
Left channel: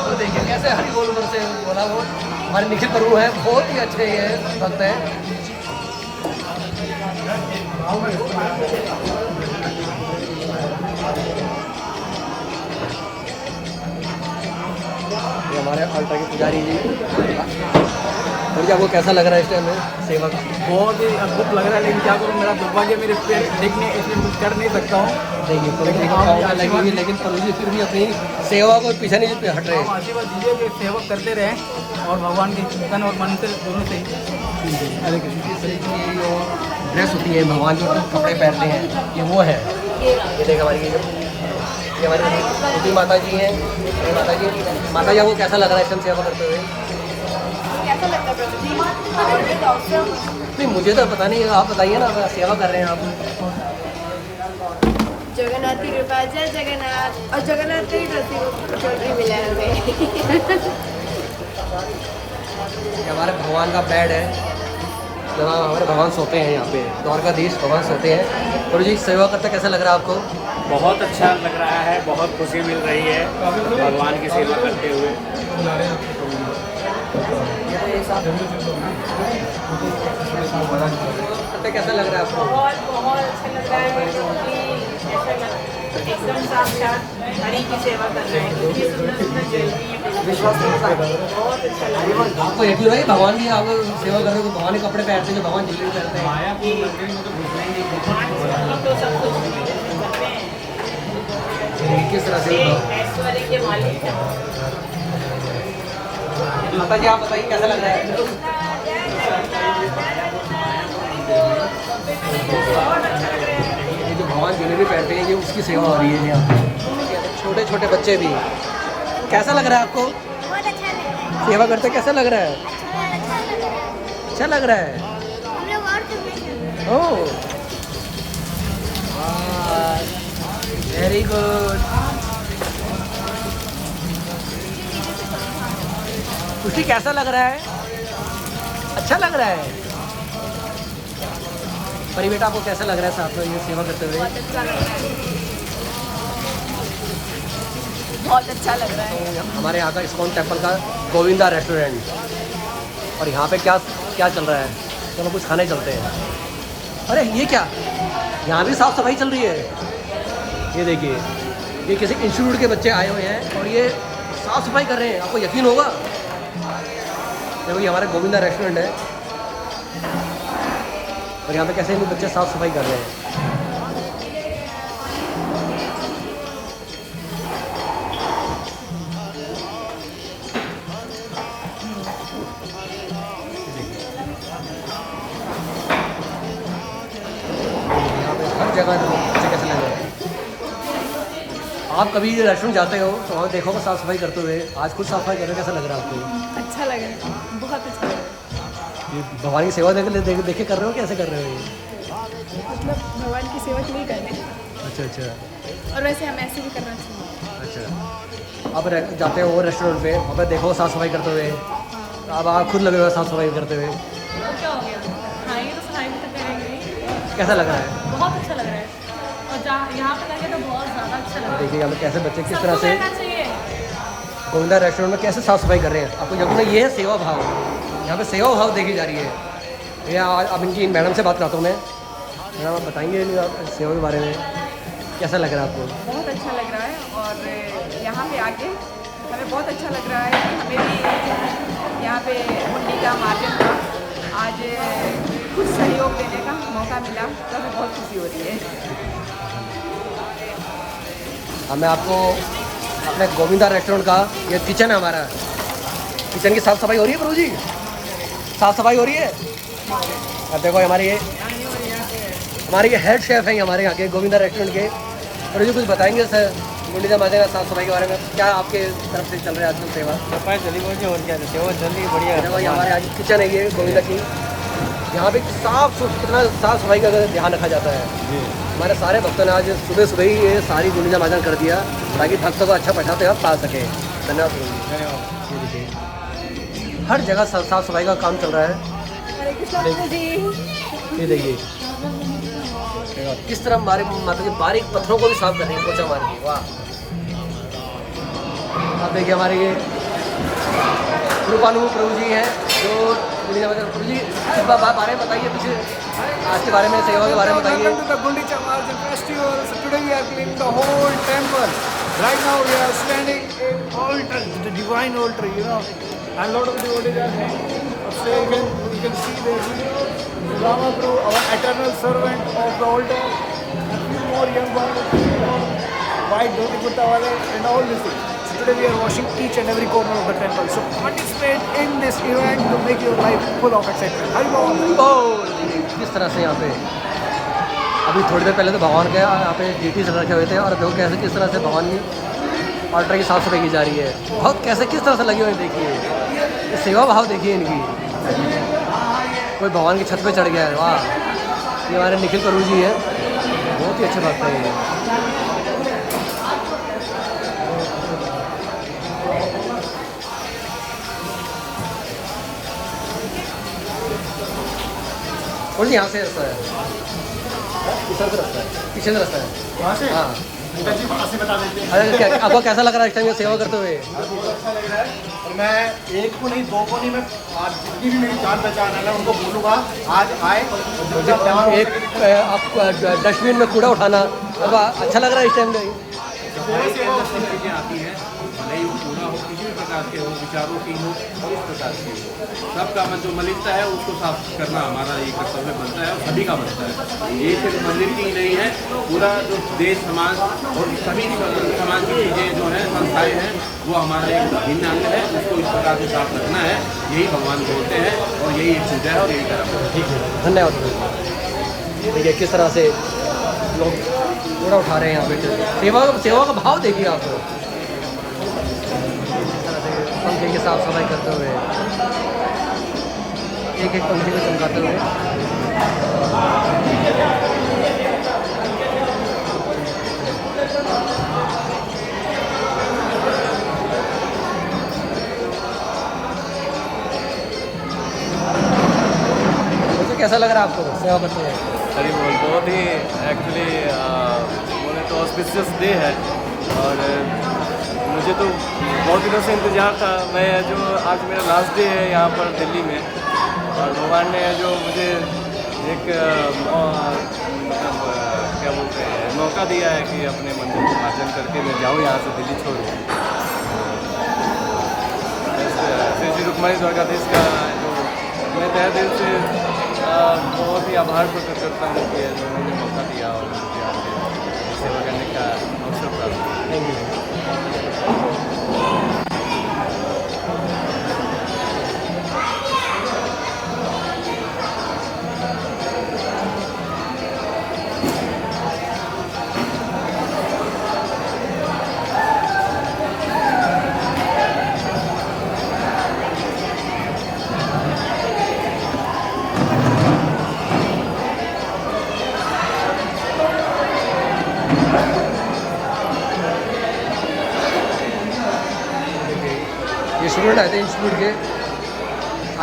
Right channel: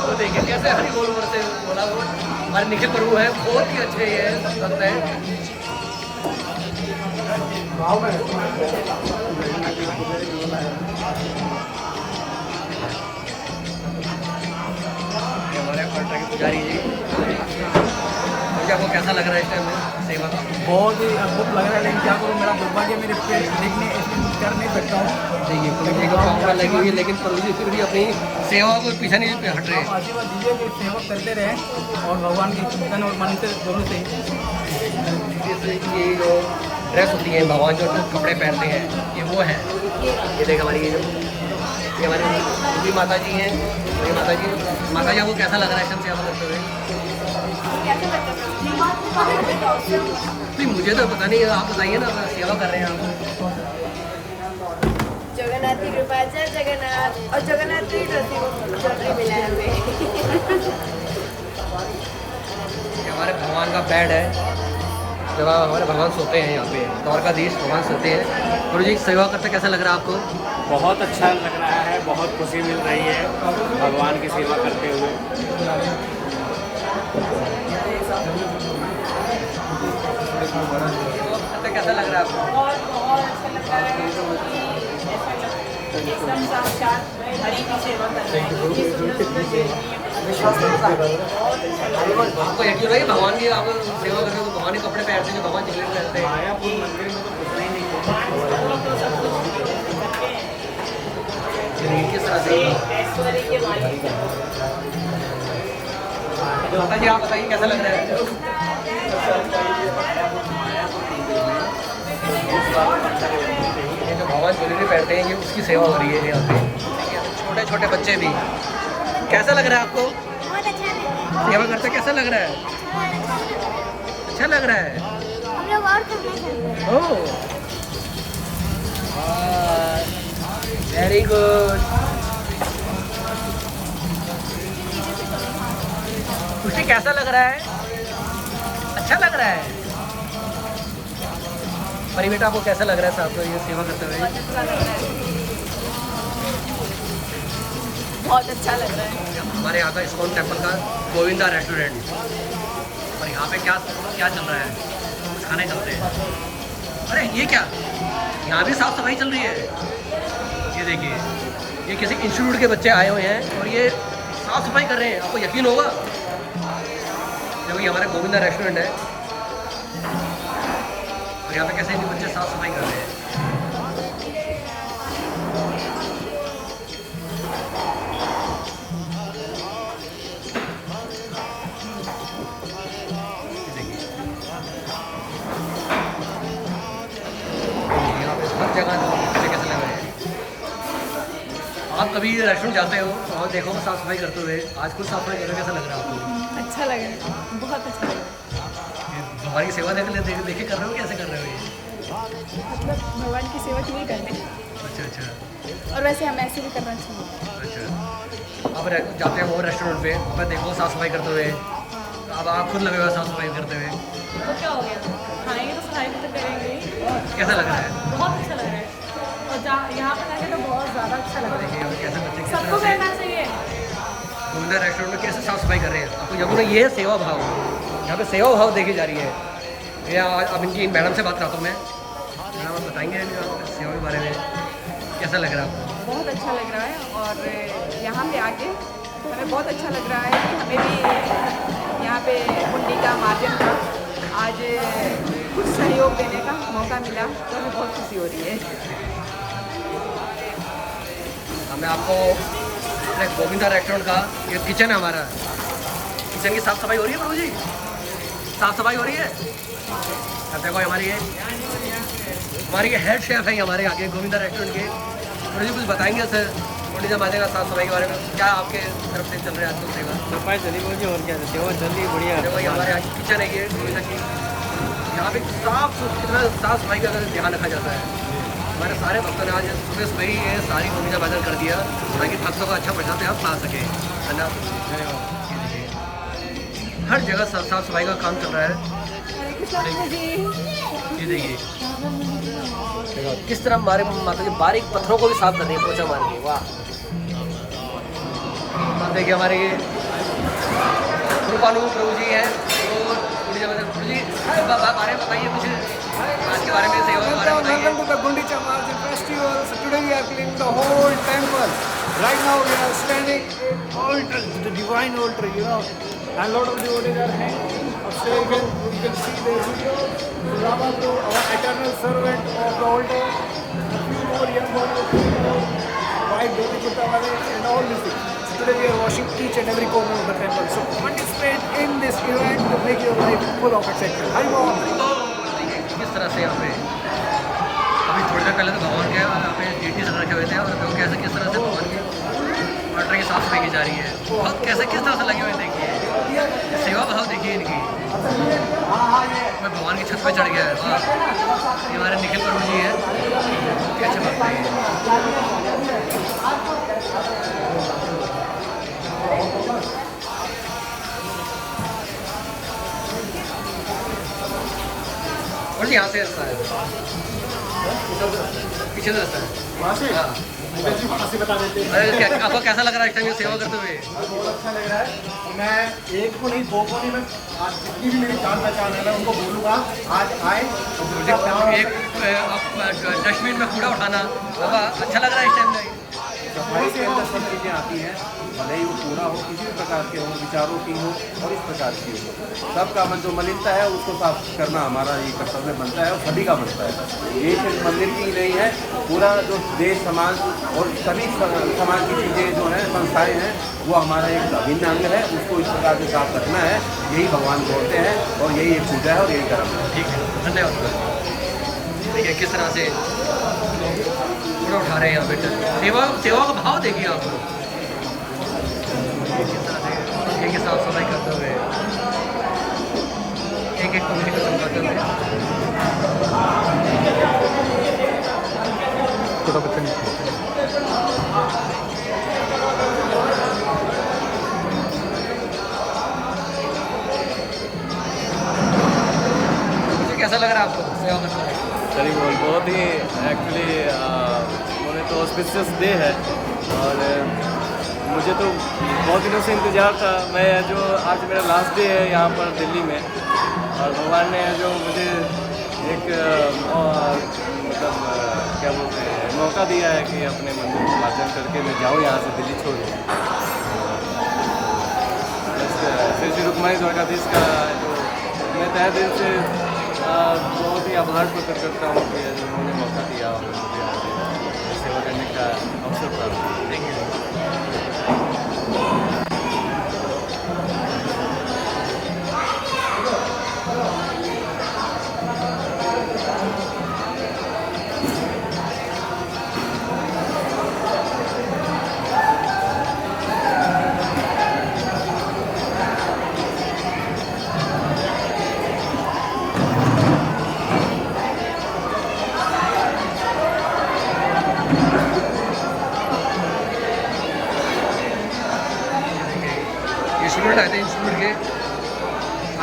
तो देखिए कैसे हरि बोल उधर से बोला, वो हमारे निखिल प्रभु हैं, बहुत ही अच्छे ये भक्त हैं। ये हमारे अल्टर के पुजारी जी। मुझे आपको कैसा लग रहा है इस टाइम में सेवा का? बहुत ही अद्भुत लग रहा है, लेकिन क्या करूँ, मेरा दुर्भाग्य मेरे पे देखने इसमें कुछ कर नहीं सकता हूँ। देखिए प्रभु जी को मौका लगी हुई है, लेकिन प्रभु जी फिर भी अपनी सेवा को पीछे नहीं हट रहे। आप आशीर्वाद दीजिए कि सेवा करते रहें, और भगवान के चिंतन और मन से दोनों से ही। ये जो ड्रेस होती है, भगवान जो कपड़े पहनते हैं, ये वो है। देखिए हमारी हमारी माता जी हैं। माता जी आपको कैसा लग रहा है इस सेवा करते हुए? नहीं मुझे तो पता नहीं, आप बताइए ना, सेवा कर रहे हैं आप। जगन्नाथ की कृपा, जय जगन्नाथ। और जगन्नाथ की चौधरी मिला है हमें। हमारे भगवान का बेड है, जब हमारे भगवान सोते हैं यहाँ पे, द्वारकाधीश भगवान सोते हैं। प्रभु जी सेवा करते कैसा लग रहा है आपको? बहुत अच्छा लग रहा है, बहुत खुशी मिल रही है भगवान की सेवा करते हुए। कैसा लग रहा है आपको? बहुत अच्छा लग रहा है, एकदम साक्षात हरि की सेवा कर रहे हैं। इतनी सुंदर सुंदर ज्वेलरी है, बहुत अच्छा लग रहा है। आपको यकीन है कि भगवान की आप सेवा कर रहे हो, भगवान के कपड़े पहनते हैं, भगवान ज्वेलरी पहनते हैं। किस तरह से ऐश्वर्य के मालिक हैं। माता जी आप बताइए कैसा लग रहा है? ये जो भगवान ज्वेलरी पहनते हैं, ये उसकी सेवा हो रही है यहाँ पे। छोटे छोटे बच्चे भी। कैसा लग रहा है आपको? बहुत अच्छा लग रहा है। सेवा करते कैसा लग रहा है? अच्छा लग रहा है। हम लोग और कुछ ओह वेरी गुड। बच्ची कैसा लग रहा है? अच्छा लग रहा है। परी बेटा आपको कैसा लग रहा है साहब को ये सेवा करते हुए? बहुत अच्छा लग रहा है। हमारे यहाँ का इस्कॉन टेम्पल का गोविंदा रेस्टोरेंट, और यहाँ पे क्या क्या चल रहा है? चलो कुछ खाने चलते हैं। अरे ये क्या, यहाँ भी साफ़ सफाई चल रही है। ये देखिए, ये किसी इंस्टीट्यूट के बच्चे आए हुए हैं और ये साफ़ सफाई कर रहे हैं। आपको यकीन होगा? देखो ये हमारा गोविंदा रेस्टोरेंट है और यहाँ पे कैसे भी बच्चे साफ़ सफाई कर रहे हैं। यहाँ पे हर जगह बच्चे कैसे लग रहे हैं। आप कभी रेस्टोरेंट जाते हो तो वहाँ देखो साफ़ सफाई करते हुए, आज खुद साफ़ सफाई कर रहे हो, कैसा लग रहा है आपको? अच्छा लग रहा है, बहुत अच्छा लग रहा है। ये भगवान की सेवा देखे कर रहे हो, कैसे कर रहे हो ये? मतलब भगवान की सेवा के लिए कर रहे हैं, अच्छा अच्छा और वैसे हम ऐसे भी करना चाहिए। अच्छा। अब जाते हो वो रेस्टोरेंट पे, वहाँ पे देखो साफ़ सफाई करते हुए, अब आप खुद लगे हुए साफ़ सफाई करते हुए, तो क्या हो गया, खाएंगे तो सफाई भी तो करेंगे। कैसा लग रहा है? बहुत अच्छा लग रहा है, और यहाँ पर आके तो बहुत ज़्यादा अच्छा लग रहा है। देखिए यहाँ पे कैसे बच्चे किस तरह सबको से करना चाहिए। गोविंदा रेस्टोरेंट में कैसे साफ़ सफाई कर रहे हैं। आपको यकीन है ये है सेवा भाव, यहाँ पे सेवा भाव देखी जा रही है। ये आज अब इनकी मैडम से बात करता हूँ मैं। मैडम आप बताएंगे सेवा के बारे में, कैसा लग रहा है आपको? बहुत अच्छा लग रहा है, और यहाँ पे आके हमें बहुत अच्छा लग रहा है कि हमें भी यहाँ पे हुंडी का मार्जिन का आज कुछ सहयोग देने का मौका मिला, तो हमें बहुत खुशी हो रही है। हमें आपको अपने गोविंदा रेस्टोरेंट का ये किचन है हमारा, किचन की साफ़ सफाई हो रही है प्रभु जी? साफ़ सफाई हो रही है? अब देखो हमारे ये हेड शेफ़ है हमारे यहाँ के गोविंदा रेस्टोरेंट के। प्रभु जी कुछ बताएंगे सर गुंडीचा माता का साफ़ सफाई के बारे में, क्या आपके तरफ से चल रहा है आजकल सेवा? सफाई चली बहुत और क्या सेवा चल रही बढ़िया। देखो ये हमारे यहाँ की किचन है ये गोविंदा की, यहाँ पे साफ़ सफाई का ध्यान रखा जाता है। हमारे सारे भक्तों ने आज सुबह सुबह ही ये सारी गुंडीचा माता कर दिया ताकि भक्तों को अच्छा प्रसाद हम पा सके। धन्यवाद प्रभु जी, धन्यवाद। ये देखिए हर जगह साफ़ सफाई का काम चल रहा है। ये देखिए किस तरह हमारे माता जी बारीक पत्थरों को भी साफ कर रही है, पोछा मार के। वाह। अब देखिए हमारे ये कृपानु प्रभु जी हैं जो प्रभु जी बारे में बताइए कुछ आज के बारे में, सेवा के बारे में बताइए। Welcome to the Gundicha Marjan Festival. So today we are cleaning the whole temple. Right now we are standing in altar, the divine altar, you know, and lot of devotees are hanging upstairs. You can see their videos. So Rama Prabhu, our eternal servant of the altar, a few more young ones, white dhoti kurta wale, and all these things. So today we are washing each and every corner of the temple. So participate in this event to make your life full of excitement. Hari Bol. किस तरह से यहाँ पे अभी थोड़ी देर पहले तो भगवान के यहाँ पे जीटी से रखे हुए थे और देखो कैसे किस तरह से भगवान की ऑल्टर की साफ सफाई की जा रही है। बहुत कैसे किस तरह से लगी हुई देखिए, ये सेवा भाव देखिए इनकी। कोई भगवान की छत पे चढ़ गया है। वाह, ये हमारे निखिल प्रभु जी है, बहुत ही अच्छे लगते हैं ये। और यहाँ से रास्ता है, पीछे से रास्ता है वहाँ से। हाँ अरे क्या आपको कैसा लग रहा है इस टाइम ये सेवा करते हुए? अच्छा लग रहा है, और मैं एक को नहीं दो को नहीं, मैं आज जितनी भी मेरी जान पहचान है उनको बोलूँगा आज आए। एक आप डस्टबिन में कूड़ा उठाना, अच्छा लग रहा है इस टाइम? सफाई के अंदर सब चीज़ें आती हैं, भले ही वो पूरा हो, किसी भी प्रकार के हो, विचारों की हो और इस प्रकार की हो, सबका मन जो मलिनता है उसको साफ करना हमारा ये कर्तव्य बनता है और सभी का बनता है। ये सिर्फ मंदिर की ही नहीं है, पूरा जो देश समाज और सभी समाज की चीज़ें जो हैं, संस्थाएँ हैं, वो हमारा एक अभिन्न अंग है, उसको इस प्रकार से साफ रखना है। यही भगवान बोलते हैं और यही एक पूजा है और यही कर्म है। ठीक है, धन्यवाद। देखिए किस तरह से लोग कूड़ा उठा रहे हैं यहाँ पे, सेवा का भाव देखिए आप। किस तरह से पंखे की साफ सफाई करते हुए, एक एक पंखे को चमकाते हुए। कैसा लग रहा है आपको सेवा करते हुए? सही बोल, बहुत ही एक्चुअली बोले तो ऑस्पिशियस डे है और मुझे तो बहुत दिनों से इंतज़ार था। मैं जो आज मेरा लास्ट डे है यहाँ पर दिल्ली में, और भगवान ने जो मुझे एक मतलब क्या बोलते हैं मौका दिया है कि अपने मंदिर को मार्जन करके मैं जाऊँ यहाँ से, दिल्ली छोड़ूँ। श्री श्री रुक्मणी द्वारकाधीश का जो मैं तहे दिल से बहुत ही आभार प्रकट करता हूँ कि जो उन्होंने मौका दिया और मुझे आज सेवा करने का अवसर प्राप्त हुआ। Thank you. ये स्टूडेंट आए थे इंस्टीट्यूट के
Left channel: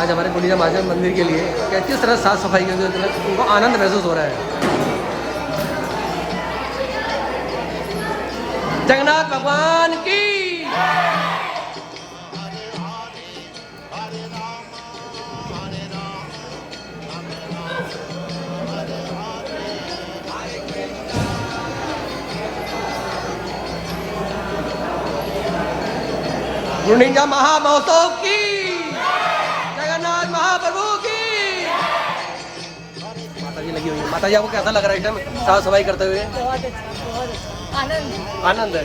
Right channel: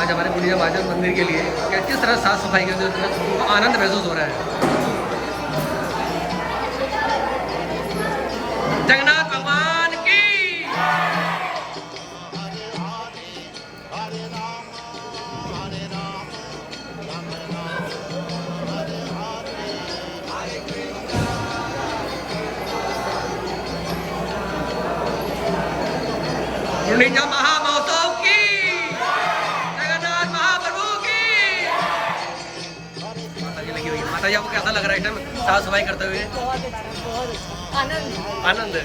आज हमारे गुंडीचा महाजन मंदिर के लिए, क्या किस तरह साफ़ सफाई करते हुए उनको आनंद महसूस हो रहा है। जगन्नाथ भगवान की। गुंडीचा महामहोत्सव की, जगन्नाथ महाप्रभु की। माता जी लगी हुई है। माता जी आपको कैसा लग रहा है इस टाइम साफ सफाई करते हुए? बहुत अच्छा, आनंद आनंद है।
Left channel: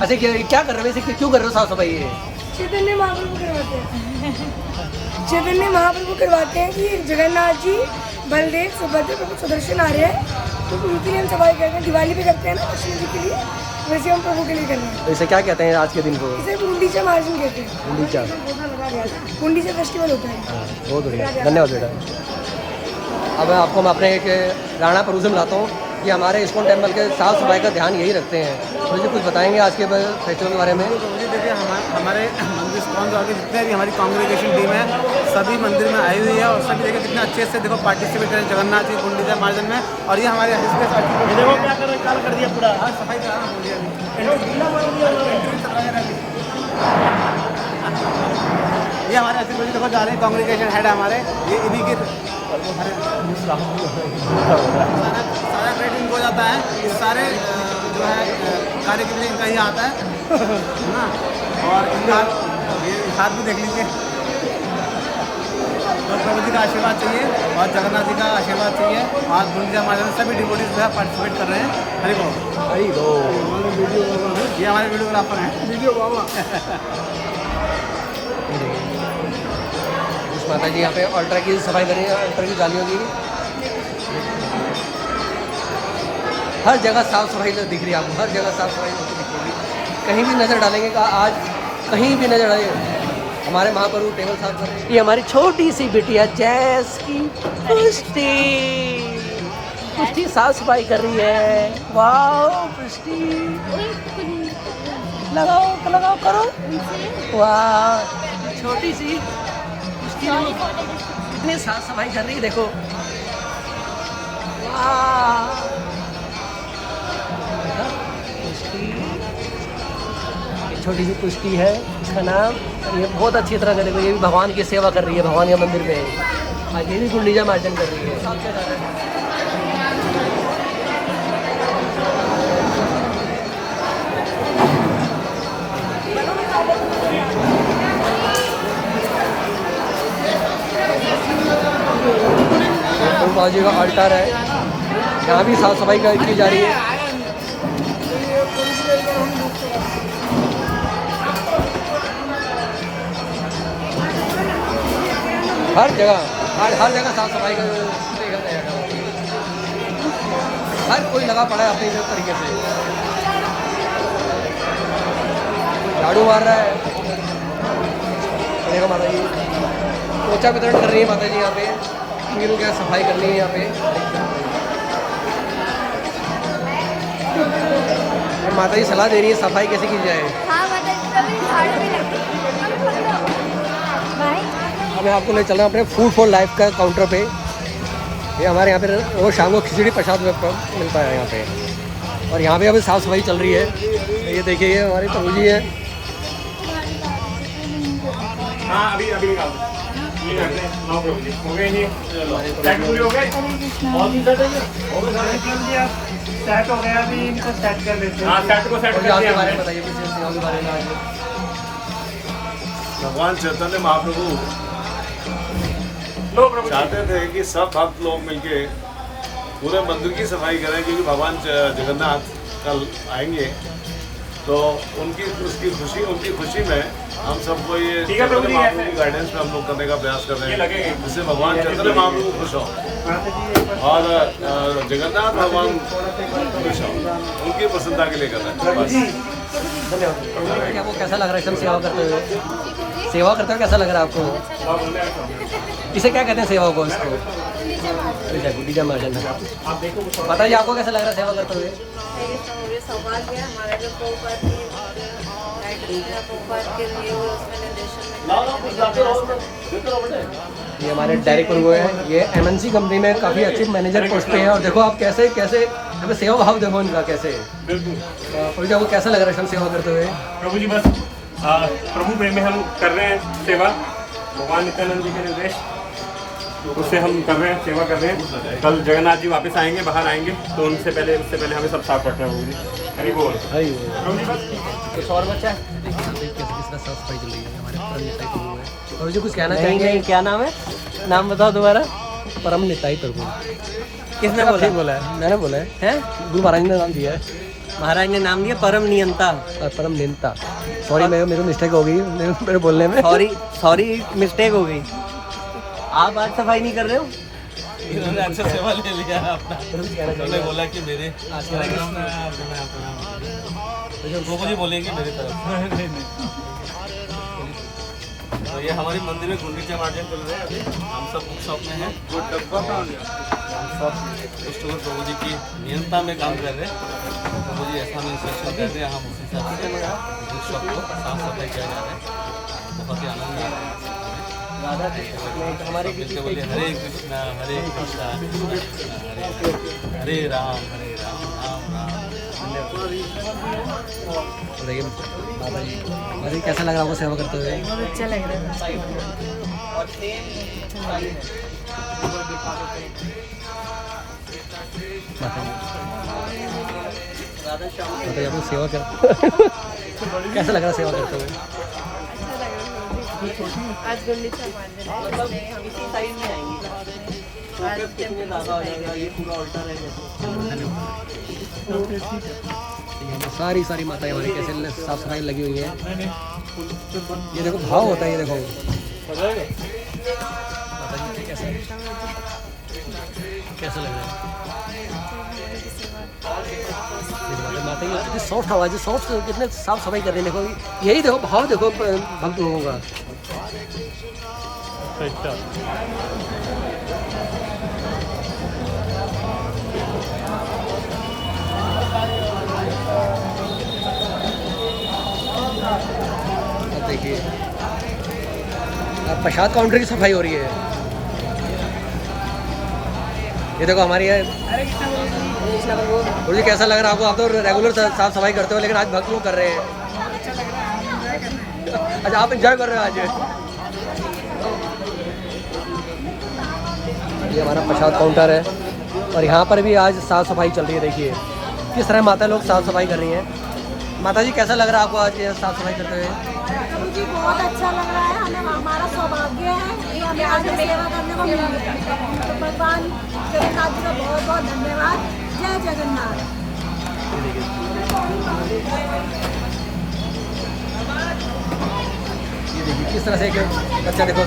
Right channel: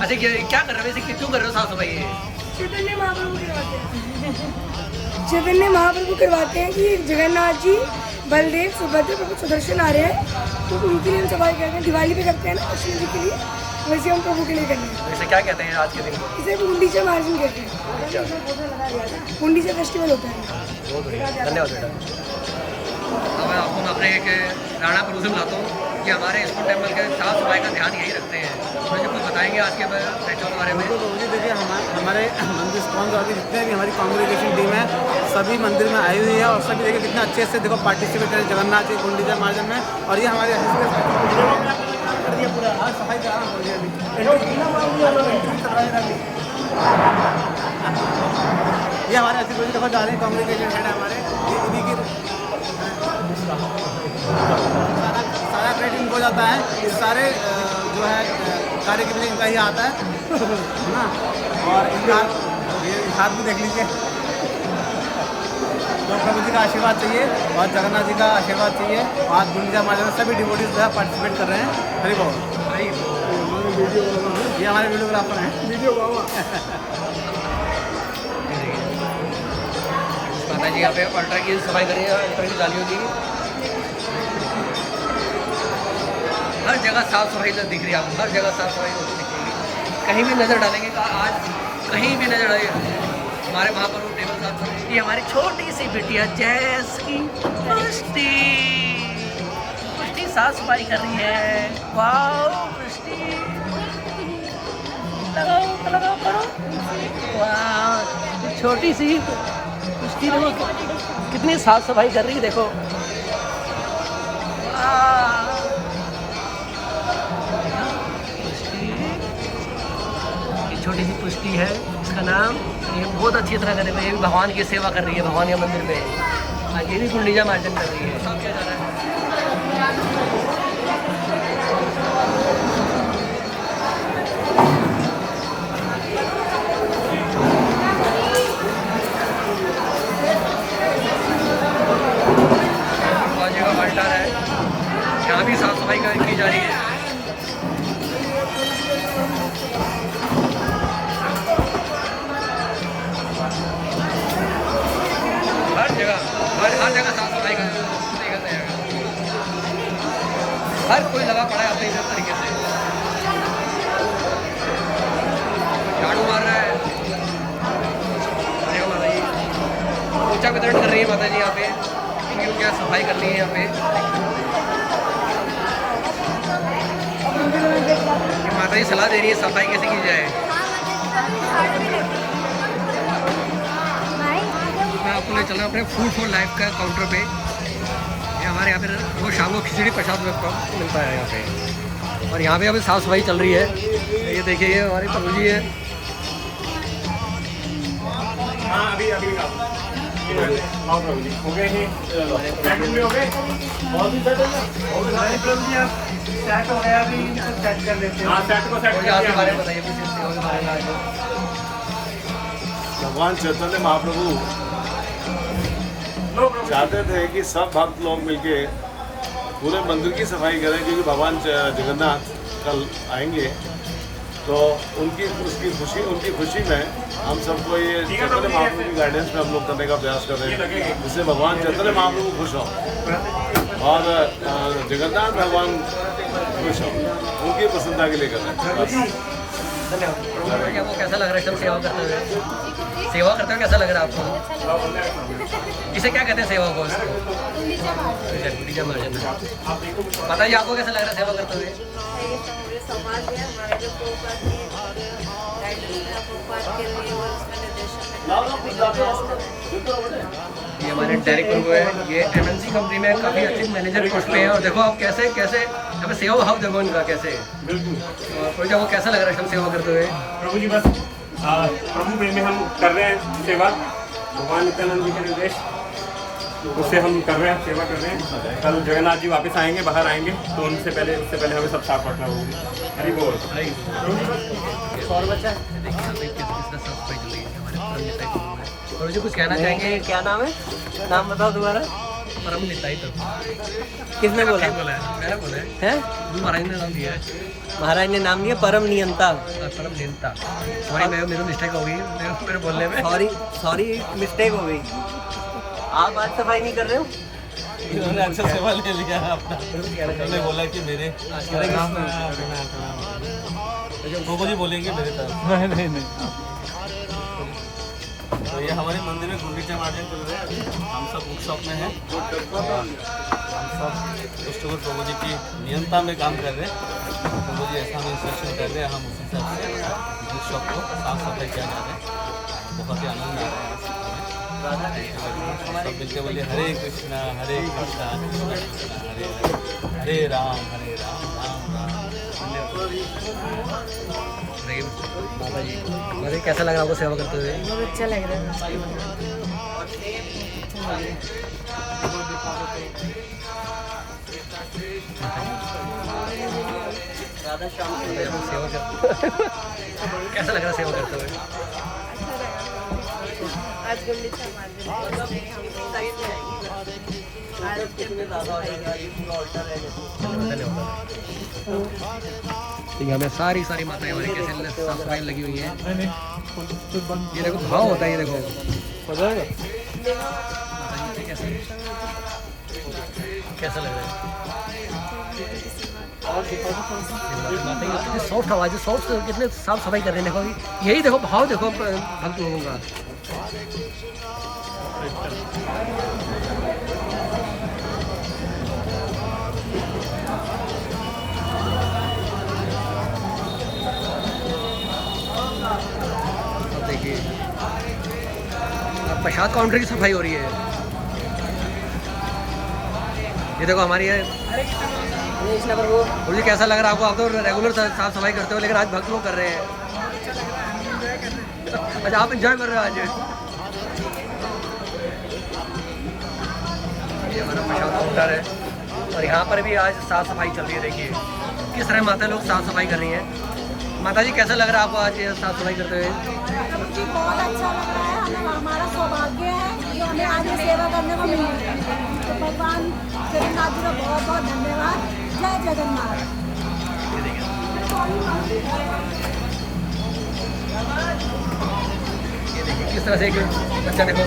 अच्छा क्या कर रहे हो वैसे, क्यों कर रहे हो साफ सफाई? चैतन्य महाप्रभु करवाते हैं कि जगन्नाथ जी, बलदेव, सुभद्रा, प्रभु सुदर्शन आ रहे हैं, तो उनके लिए हम सफाई करते हैं। दिवाली पे करते हैं ना कृष्ण जी के लिए, वैसे हम प्रभु के लिए कर रहे हैं। वैसे क्या कहते हैं आज के दिन को? इसे गुंडीचा मार्जन कहते हैं। गुंडीचा फेस्टिवल होता है। बहुत बढ़िया, धन्यवाद बेटा। अब आपको मैं अपने एक राणा प्रभु से मिलाता हूँ कि हमारे इस्कॉन टेम्पल के साफ सफाई का ध्यान यही रखते हैं। मुझे कुछ बताएंगे आज के फेस्टिवल के बारे में? मुझे देखिए हमारे मंदिर इस्कॉन द्वारा के जितने भी हमारी कांग्रेगेशन टीम है सभी मंदिर में आई हुई है, और सभी देखिए कितने अच्छे से देखो पार्टिसिपेट करें जगन्नाथ जी गुंडीचा मार्जन में। और ये हमारे कर दिया पूरा, आज सफाई कराना बोल दिया ये हमारे अस्सी बजे देखो जा रहे हैं कांग्रेगेशन हेड हमारे, ये इन्हीं की सारा क्रेडिट इनको जाता है। ये सारे जो है कार्य के लिए इनका ही आता है ना। और इनका ये हाथ भी देख लीजिए। तो प्रभु जी का आशीर्वाद चाहिए और जगन्नाथ जी का आशीर्वाद चाहिए। आज गुंडीचा मार्जन में सभी डिवोटीज जो है पार्टिसिपेट कर रहे हैं। हरि बोल। हरी बोल। ये हमारे वीडियोग्राफर हैं, वीडियो बाबा। माता जी यहाँ पे अल्ट्रा की सफाई करी है, अल्ट्रा की गालियों की। हर जगह साफ सफाई तो दिख रही है आपको, हर जगह साफ सफाई होती दिखेगी। कहीं भी नज़र डालेंगे का आज कहीं भी नज़र डालेंगे हमारे महाप्रभु टेबल साफ कर रही है। हमारी छोटी सी बिटिया जैस की पुष्टि साफ सफाई कर रही है। वाह पुष्टि, लगाओ करो। वाह छोटी सी पुष्टि कितनी साफ सफाई कर रही है, देखो। वाह छोटी सी पुष्टि है इसका नाम। ये बहुत अच्छी तरह कर रही है, ये भी भगवान की सेवा कर रही है, भगवान के मंदिर में। आज ये भी गुंडीचा मार्जन कर रही है। बाजू का अल्टर है, यहाँ भी साफ सफाई की जा रही है। हर जगह साफ सफाई देखा जाएगा। हर कोई लगा पड़ा है अपने तरीके से, झाड़ू मार रहा है। देखो माता जी पोछा वितरण कर रही है माता जी यहाँ पे, मीरू क्या सफाई करनी है यहाँ पे। माता जी सलाह दे रही है सफाई कैसे की जाए। अब मैं आपको ले चल रहा हूँ अपने फूड फॉर लाइफ का काउंटर पे। ये हमारे यहाँ पे रोज शाम को खिचड़ी प्रसाद मिलता है यहाँ पे। और यहाँ पे अभी साफ़ सफाई चल रही है। ये देखिए, ये हमारे प्रभु जी है। हाँ अभी अभी महाप्रभु जी हो गए नहीं, हो गए सेट हो गया, अभी इनको सेट कर लेते हैं। हाँ सेट को सेट के बारे में बताइए, के बारे में आज भगवान चैतन्य महाप्रभु चाहते थे कि सब भक्त लोग मिलके पूरे मंदिर की सफाई करें, क्योंकि भगवान जगन्नाथ कल आएंगे। तो उनकी खुशी में हम सबको ये चैतन्य महाप्रभु की गाइडेंस में हम लोग करने का प्रयास कर रहे हैं, जिससे भगवान चैतन्य महाप्रभु खुश हों और जगन्नाथ भगवान खुश हों। उनकी प्रसन्नता के लिए कर रहे हैं बस। धन्यवाद। आपको कैसा लग रहा है सेवा करते हुए? सेवा करते हुए कैसा लग रहा है आपको? इसे क्या कहते हैं सेवा को? इसको पूजा मार्जन है। बताइए आपको कैसा लग रहा है सेवा करते हुए? सौभाग्य है हमारा जो ये हमारे डायरेक्ट प्रभु है। ये MNC कंपनी में काफ़ी अच्छी मैनेजर पोस्ट पे हैं। और देखो आप कैसे कैसे हमें सेवा भाव देखो इनका कैसे। प्रभु जी आपको कैसा लग रहा है हम सेवा करते हुए? प्रभु जी बस प्रभु प्रेम में हम कर रहे हैं सेवा। भगवान नित्यानंद जी के निर्देश उससे हम कर रहे हैं, सेवा कर रहे हैं। कल जगन्नाथ जी वापस आएंगे, बाहर आएंगे, तो उससे पहले हमें सब साफ रखना होगी। हरी बोल। और बच्चा देखिए और जो कुछ कहना चाहेंगे? क्या नाम है? नाम बताओ दोबारा। परम निताई प्रभु। किसने बोला? मैंने बोला है। गुरु महाराज ने नाम दिया है। महाराज ने नाम दिया परम नियंता। परम नियंता। सॉरी मेरे मिस्टेक हो गई मेरे बोलने में। सॉरी मिस्टेक हो गई। आप आज सफाई नहीं कर रहे हो? इन्होंने अच्छा सेवा ले लिया अपना। उन्होंने बोला कि मेरे प्रभु जी बोलेंगे मेरे तरफ। तो ये हमारे मंदिर में गुंडीचा मार्जन चल रहा है। हम सब बुक शॉप में हैं। हम सब कस्टमर प्रभु जी की नियंत्रणा में काम कर रहे हैं। प्रभु जी ऐसा हमें इंस्ट्रक्शन कर रहे हैं, हम उसी हिसाब से बुक शॉप को साफ सफाई किया जा रहा है। बहुत ही आनंद आ रहा है। सब मिलकर बोलिए हरे कृष्णा कृष्णा कृष्णा हरे हरे, हरे राम राम राम। बाबा जी कैसा लग रहा है आपको सेवा करते हुए? बहुत अच्छा लग रहा है। कैसा लग रहा है सेवा करते हुए? आज गुंडीचा मार्जन हम आज हमें सारी माताएं हमारी कैसे साफ सफाई लगी हुई हैं। ये देखो भाव होता है। ये देखो कैसा लग रहा है? माता कितनी सॉफ्ट आवाज़ है, सॉफ्ट कितने साफ सफाई कर रहे हैं। देखो यही देखो भाव देखो भक्त लोगों का। अब देखिए अब प्रसाद काउंटर की सफाई हो रही है। ये देखो हमारी है। गुरु जी कैसा लग रहा है आपको? आप तो रेगुलर साफ सफाई करते हो, लेकिन आज भक्त लोग कर रहे हैं। अच्छा आप एंजॉय कर रहे हो आज? ये हमारा प्रसाद काउंटर है और यहाँ पर भी आज साफ सफाई चल रही है। देखिए किस तरह माता लोग साफ सफाई कर रही हैं। माता जी कैसा लग रहा है आपको आज साफ सफाई करते हुए? जी बहुत अच्छा लग रहा है। हमें हमारा सौभाग्य है कि हमें आज सेवा करने को मिल रही है। तो भगवान जगन्नाथ जी का बहुत बहुत धन्यवाद। जय जगन्नाथ। ये देखिए किस तरह से एक बच्चा देखो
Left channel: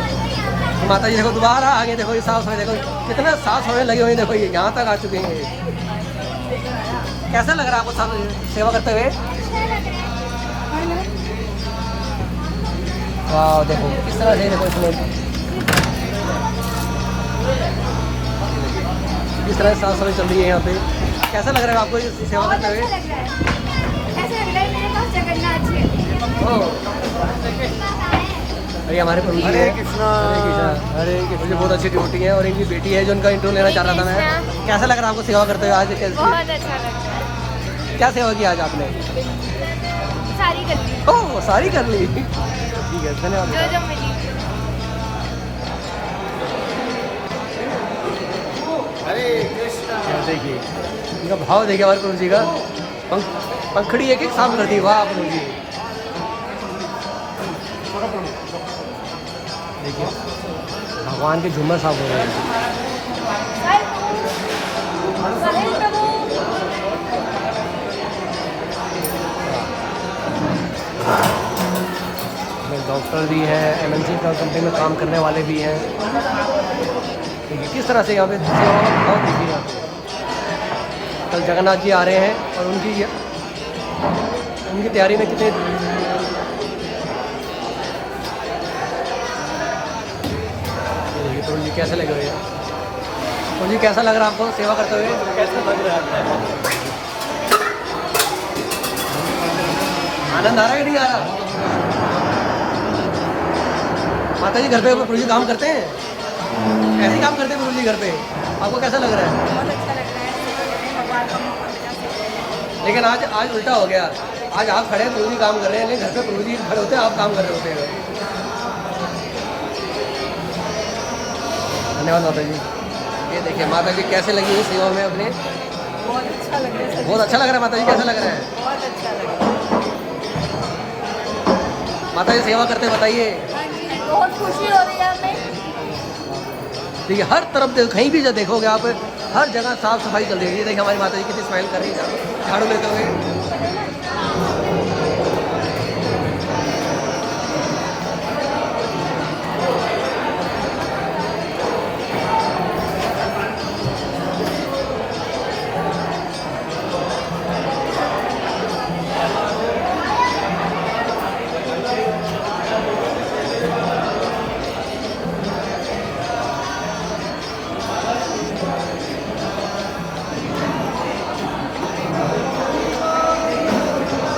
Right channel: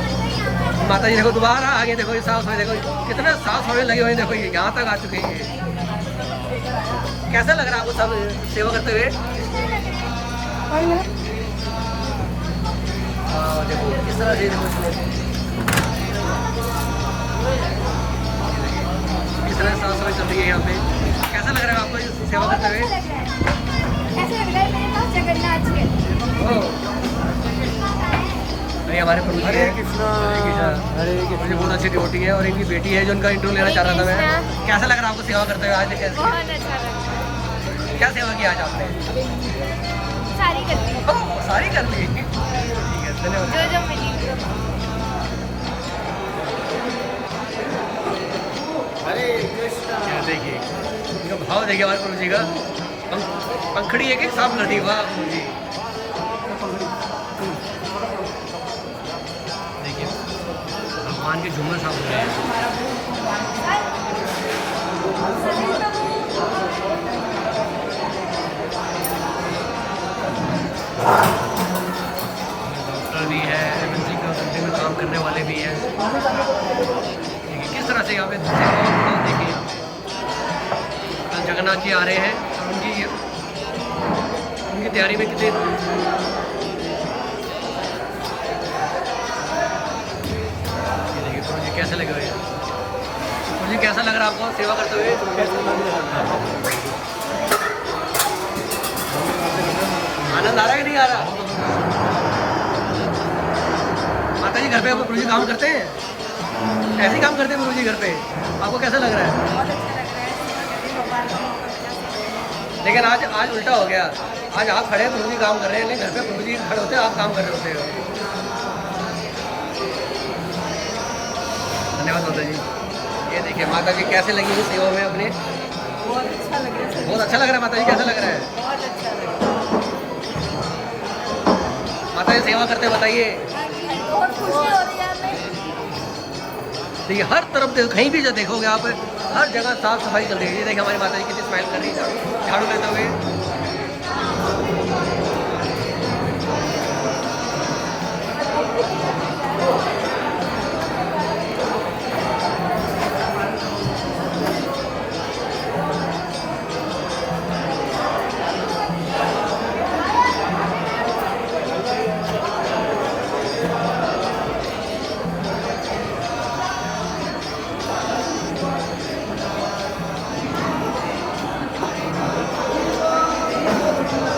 माता जी देखो दोबारा आगे देखो ये साफ सफाई देखो कितने साफ सफाई लगी हुई। देखो ये यहाँ तक आ चुके हैं। कैसा लग रहा है आपको सब सेवा करते हुए? वाह देखो किस तरह से किस तरह साफ सफाई चल रही है यहाँ पे। कैसा लग रहा है आपको ये सेवा करते हुए? ऐसा लग रहा है मेरे पास जगन्नाथ जी है। भाई हमारे प्रभु जी हरे हैं। कृष्णा हरे मुझे कृष्णा। बहुत अच्छी डिवोटी है और इनकी बेटी है जो उनका इंटरव्यू लेना चाह रहा था मैं। कैसा लग रहा है आपको सेवा करते हुए आज? बहुत अच्छा लगता है। क्या सेवा की आज आपने? सारी कर ली, ओह सारी कर ली, ठीक है धन्यवाद। जो जो मिली। हरे कृष्णा। ये देखिए इनका भाव देखिए हमारे प्रभु जी का। पंखड़ी एक एक साफ कर दी, वाह प्रभु जी। देखिए भगवान के झूमर साफ हो रहे हैं। डॉक्टर भी हैं, MNC का कंपनी में काम करने वाले भी हैं। देखिए किस तरह से यहाँ पे सेवा का भाव देखिए। यहाँ कल जगन्नाथ जी आ रहे हैं और उनकी तैयारी में कितने प्रभु जी कैसे लगे हुए हैं? प्रभु जी कैसा लग रहा है आपको सेवा करते हुए? आनंद आ रहा है कि नहीं आ रहा? माता जी घर पे प्रभु जी काम करते हैं, ऐसे ही काम करते हैं प्रभु जी घर पे। आपको कैसा लग रहा है? बहुत अच्छा लग रहा है, भगवान का मौका मिला। लेकिन आज उल्टा हो गया। आज आप खड़े प्रभु जी काम कर रहे हैं, लेकिन घर पे प्रभु जी खड़े होते हैं, आप काम कर रहे होते हैं। धन्यवाद माता जी। ये देखिए माता जी कैसे लगी हुई सेवा में अपने। बहुत अच्छा लग रहा है। बहुत अच्छा लग रहा है माता जी, कैसा लग रहा है? बहुत अच्छा लग रहा है। माता जी सेवा करते बताइए। बहुत खुशी हो रही है हमें। देखिए हर तरफ कहीं भी जो देखोगे आप, हर जगह साफ सफाई चल रही है। ये देखिए हमारी माता जी कितनी स्माइल कर रही है झाड़ू लेते हुए।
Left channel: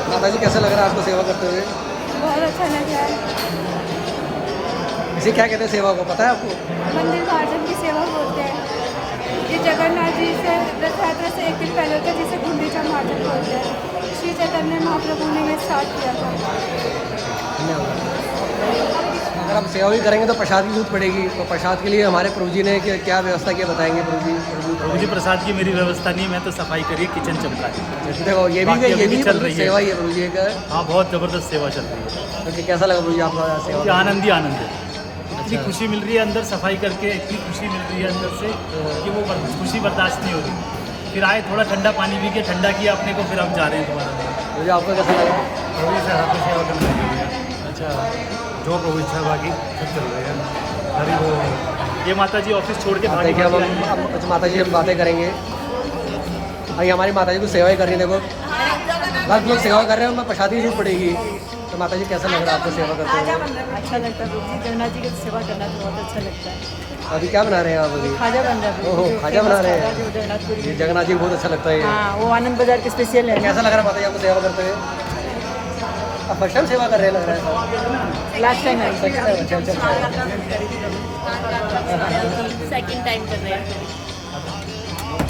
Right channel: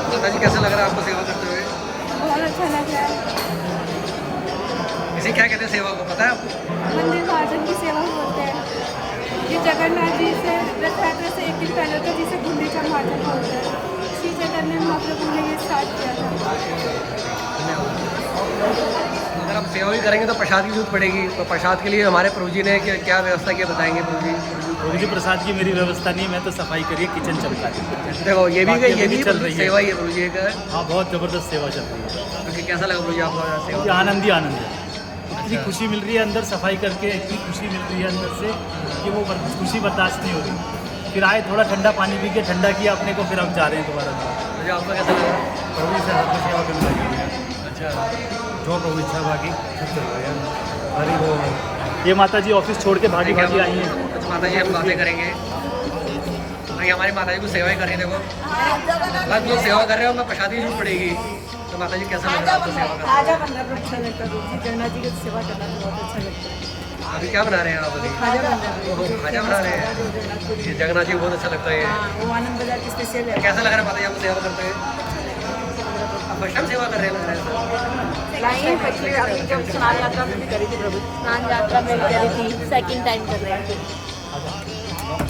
माता जी कैसा लग रहा है आपको सेवा करते हुए? बहुत अच्छा लग रहा है। इसे क्या कहते हैं सेवा को, पता है आपको? मंदिर मार्जन की सेवा बोलते हैं। ये जगन्नाथ जी से रथ यात्रा से एक दिन पहले होता है, जिसे गुंडीचा मार्जन बोलते हैं। श्री चैतन्य महाप्रभु ने ये स्टार्ट किया था। धन्यवाद। अगर हम सेवा भी करेंगे तो प्रसाद की जरूरत पड़ेगी, तो प्रसाद के लिए हमारे प्रभु जी ने क्या व्यवस्था किया बताएंगे प्रभु जी? प्रभु जी प्रसाद की मेरी व्यवस्था नहीं, मैं तो सफाई करिए किचन चमका दी। देखो ये भी चल रही है सेवा ही है प्रभु जी का। हाँ बहुत ज़बरदस्त सेवा चल रही है। तो कैसा लगा प्रभु जी आपको सेवा? आनंद ही आनंद है। इतनी खुशी मिल रही है अंदर सफाई करके, इतनी खुशी मिल रही है अंदर से कि वो खुशी बर्दाश्त नहीं हो रही। फिर आए थोड़ा ठंडा पानी पी के ठंडा किया अपने को, फिर हम जा रहे हैं दोबारा अंदर। मुझे आपको कैसा लगा? प्रभु जी से हाथ में सेवा करने लगे हुए हैं। अच्छा, जो प्रभु इच्छा बाकी सब चल रहा है। हरी वो ये माता जी ऑफिस छोड़ के देखिए अब माता जी हम बातें करेंगे। भाई हमारी माता जी को सेवा ही कर रही है। देखो हर लोग सेवा कर रहे हो, मैं प्रसादी जरूर पड़ेगी। तो माता जी कैसा लग रहा है आपको सेवा करते हुए? अच्छा लगता है जगन्नाथ जी की सेवा करना तो बहुत अच्छा लगता है। अभी क्या बना रहे हैं आप? अभी खाजा बन रहा है। ओहो खाजा बना रहे हैं। ये जगन्नाथ जी को बहुत अच्छा लगता है। हाँ, वो आनंद बाजार के स्पेशल है। कैसा लग रहा है माता जी आपको सेवा करते हुए? आप फर्स्ट टाइम सेवा कर रहे हैं लग रहा है। सेकंड टाइम कर रहे हैं।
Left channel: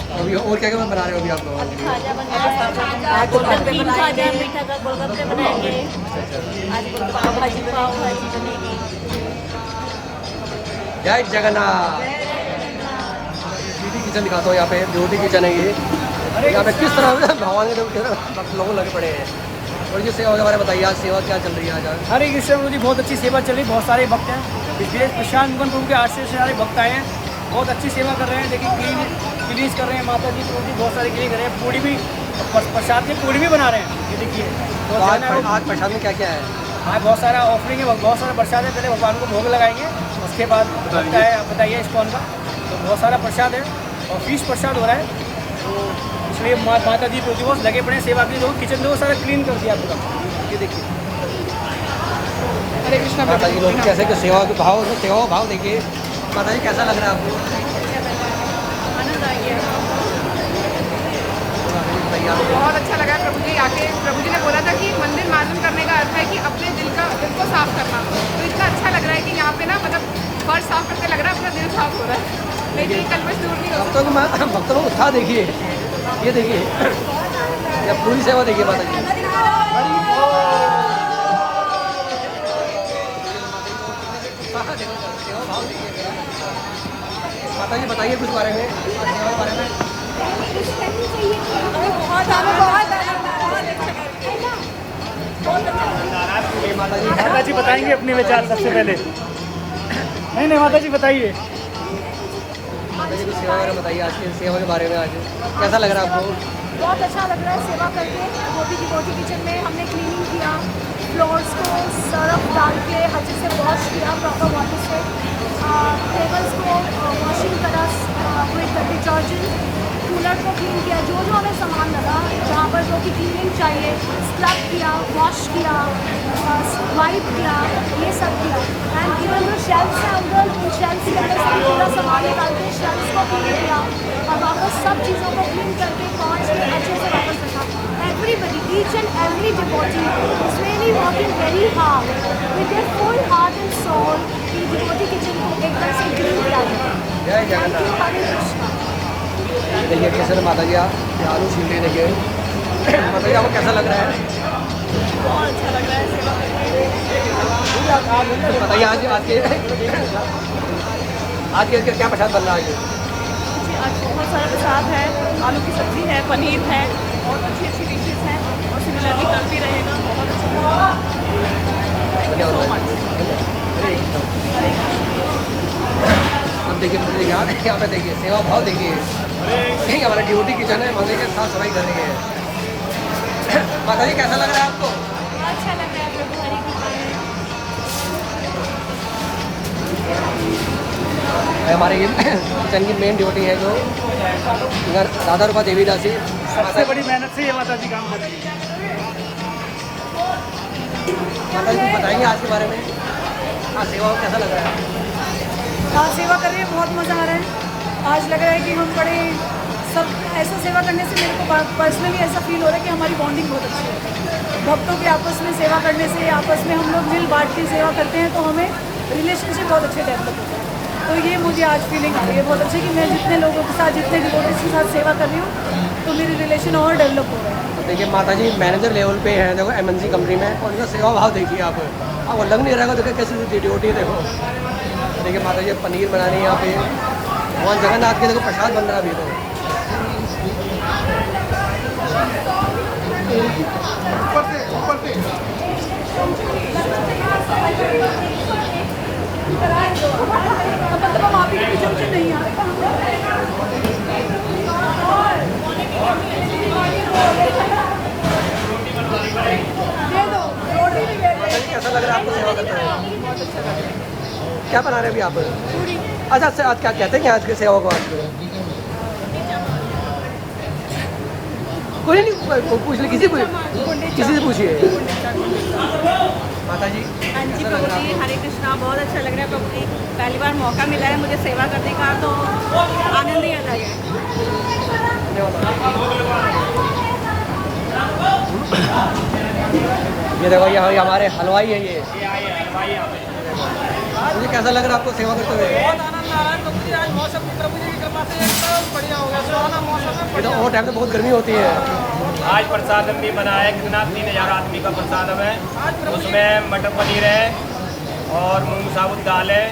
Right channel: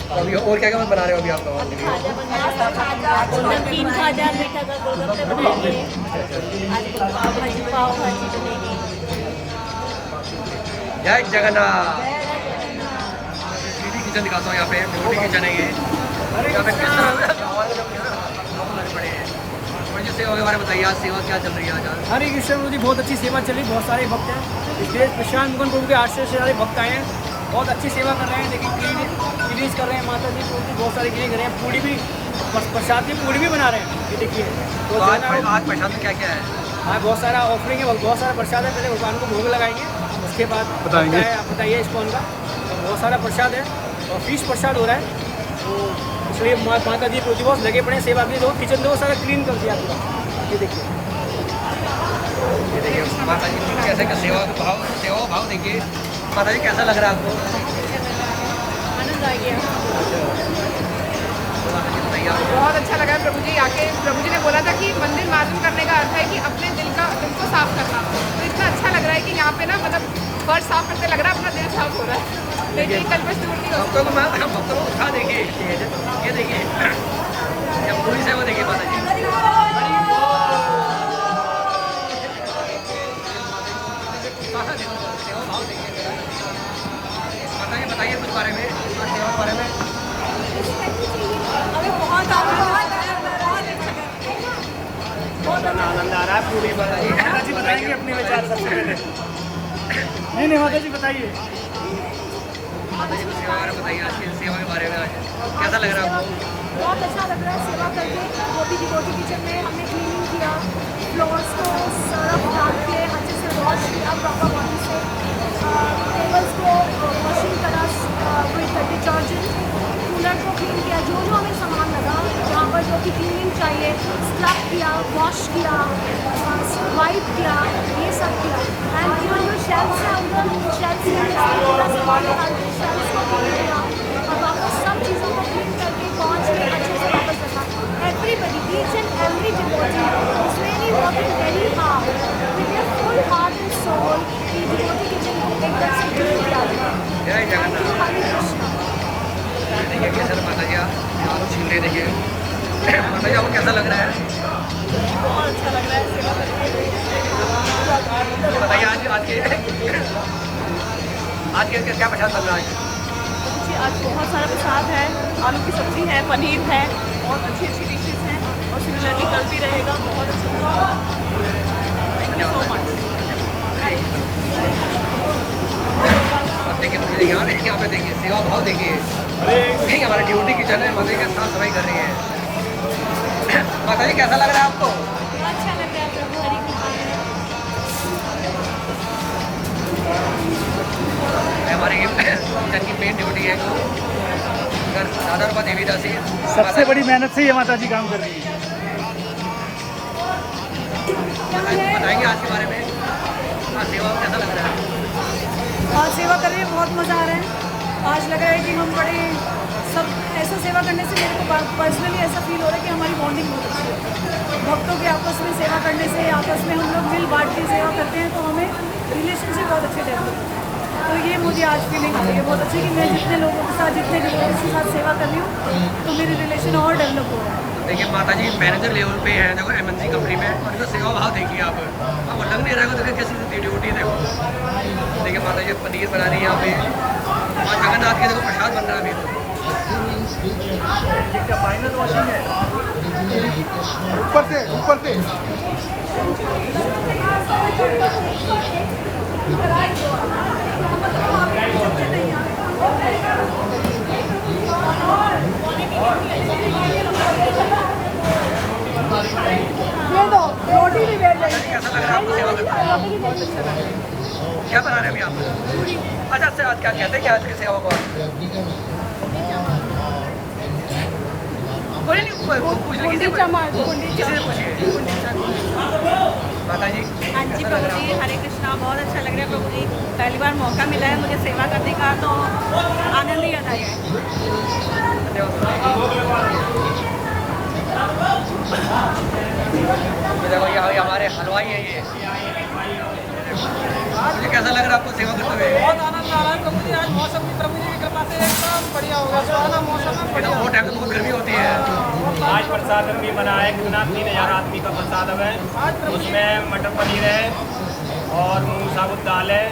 तो अभी और क्या क्या बना रहे हो अभी आप लोग? खाजा बन रहा है, गोल्डन क्रीम खाजा, मीठा का गोलगप्पे बनाएंगे। आज गोलगप्पे भाजी पाव भाजी बनेगी। जय जगन्नाथ। किचन दिखाता हूँ यहाँ पे, ब्यूटी किचन है ये। यहाँ पे किस तरह से लोग लग पड़े हैं। और ये सेवा के बारे में बताइए, आज सेवा क्या चल रही है? आज हरे कृष्ण प्रभु जी बहुत अच्छी सेवा चली, बहुत सारे भक्त हैं। इस देश प्रशांत मुकुंद प्रभु के आश्रय से सारे भक्त आए हैं, बहुत अच्छी सेवा कर रहे हैं। देखिए क्लीनिंग कर रहे हैं माता जी प्रभु जी, बहुत सारी क्लीनिंग कर रहे हैं। पूड़ी भी प्रसाद की पूड़ी भी बना रहे हैं। ये देखिए तो आज प्रसाद में क्या क्या है? हाँ बहुत सारा ऑफरिंग है, बहुत सारा प्रसाद है। पहले भगवान को भोग लगाएंगे, उसके बाद बनता है, आप बताइए इसकॉन का। तो बहुत सारा प्रसाद है और फीस प्रसाद हो रहा है। तो इसलिए माता जी प्रभु बहुत लगे पड़े सेवा के लिए। तो किचन को सारा क्लीन कर दिया पूरा। ये देखिए माता जी लोग कैसे कि सेवा का भाव देखिए। माता जी कैसा लग रहा है आपको? आनंद आ गया। तो माता जी बताइए बताइए आप। बहुत अच्छा लगा है प्रभु जी आके। प्रभु जी ने बोला था कि मंदिर मार्जन करने का अर्थ है कि अपने दिल को साफ करना। तो इतना अच्छा लग रहा है कि यहाँ पे ना मतलब फर्श साफ करते लग रहा है अपना दिल साफ हो रहा है, लेकिन कल्पश दूर नहीं हो भक्तों को भक्तों को उत्साह देखिए, ये देखिए, ये पूरी सेवा देखिए माता जी। माता जी बताइए कुछ बारे में, सेवा के बारे में। हमें बहुत माता जी बताएंगे अपने विचार सबसे पहले। नहीं माता जी बताइए। माता जी कुछ सेवा के बारे में बताइए, आज की सेवा के बारे में आज कैसा लग रहा है आपको? बहुत अच्छा लग रहा है सेवा करके। गोटी किचन में हमने क्लीनिंग किया, फ्लोर्स को सर्फ डाल के अच्छे से वॉश किया प्रॉपर वाटर से, टेबल्स को वॉशिंग करा विद डिटर्जेंट, कूलर को क्लीन किया, जो हमें सामान लगा जहाँ पर जो कि क्लीनिंग चाहिए, स्क्रब किया, वॉश किया, वाइप किया, ये सब किया। एंड इवन जो शेल्फ्स हैं उधर, उन शेल्फ्स के अंदर से पूरा सामान निकाल के शेल्फ्स को क्लीन किया और वापस सब चीज़ों को क्लीन करके पहुँच के अच्छे से वापस रखा। Everybody, each and every devotee is really working very hard with there full heart and soul कि डिवोटी किचन को एकदम से क्लीन किया जाए। जय थैंक यू, जगन्नाथ। हरे कृष्णा। देखिए कैसे माता जी आप आलू छील रहे, देखिए माता जी आपको कैसा लग रहा है? बहुत अच्छा लग रहा है सेवा करके। तो बताइए आज के क्या प्रसाद बन रहा है? जी आज बहुत सारा प्रसाद है, आलू की सब्जी है, पनीर है, बहुत अच्छी डिशेज हैं और सिमिलरली कल भी रहेगा। बहुत अच्छा थैंक यू सो मच। अब देखिए यहाँ पे देखिए सेवा भाव देखिए, नहीं हमारा ड्यूटी किचन है, माता जी के साफ सफाई कर रही है। माता जी कैसा लग रहा है आपको? अच्छा लग रहा है प्रभु, हरि कृपा है। हमारी किचन की मेन ड्यूटी है जो राधा रूपा देवी दासी, सबसे बड़ी मेहनत से ये माता जी काम कर रही है। माता जी बताएंगे आज के बारे में, हाँ सेवा कैसा लग रहा है? हाँ सेवा कर रहे हैं, बहुत मज़ा आ रहा है। आज लग रहा है कि हम बड़े सब ऐसा सेवा करने से मेरे को पर्सनली ऐसा फील हो रहा है कि हमारी बॉन्डिंग बहुत अच्छी है। भक्तों के आपस में सेवा करने से, आपस में हम लोग मिल बांट के सेवा करते हैं तो हमें रिलेशनशिप बहुत अच्छे डेवलप होते हैं। तो ये मुझे आज फीलिंग आ रही है बहुत अच्छी कि मैं जितने लोगों के साथ, जितने डिवोटीज के साथ सेवा कर रही हूँ तो मेरी रिलेशन और डेवलप हो रहा है। देखिए माता जी मैनेजर लेवल पे हैं देखो MNC कंपनी में, और इनका सेवा भाव देखिए आप लग नहीं रहेगा। देखिए कैसी ड्यूटी देखो। देखिए माता जी पनीर बना रही है यहाँ पे, वहाँ जगन्नाथ के देखो प्रसाद बन रहा है अभी तो। माता जी कैसा लग रहा है आपको सेवा करते हैं? बहुत अच्छा लग रहा है। क्या बना रहे हैं अभी आप? अच्छा अच्छा, आज क्या कहते हैं आज की सेवा को? पूछ ली, किसी से पूछिए। माता जी हाँ जी प्रभु जी, हरे कृष्णा। बहुत अच्छा लग रहा है प्रभु जी, पहली बार मौका मिला है मुझे सेवा करने का तो आनंद ही आ गया है। हमारे हलवाई है ये। मुझे कैसा लग रहा है आपको सेवा करते हुए? बहुत आनंद आ रहा है प्रभु जी। आज मौसम प्रभु जी की कृपा से एकदम बढ़िया हो गया, सुहाना मौसम है, बढ़िया। वो टाइम तो बहुत गर्मी होती है। आज प्रसाद भी बना है, कितना 3000 आदमी का प्रसाद है। उसमें मटर पनीर है और मूंग साबुत दाल है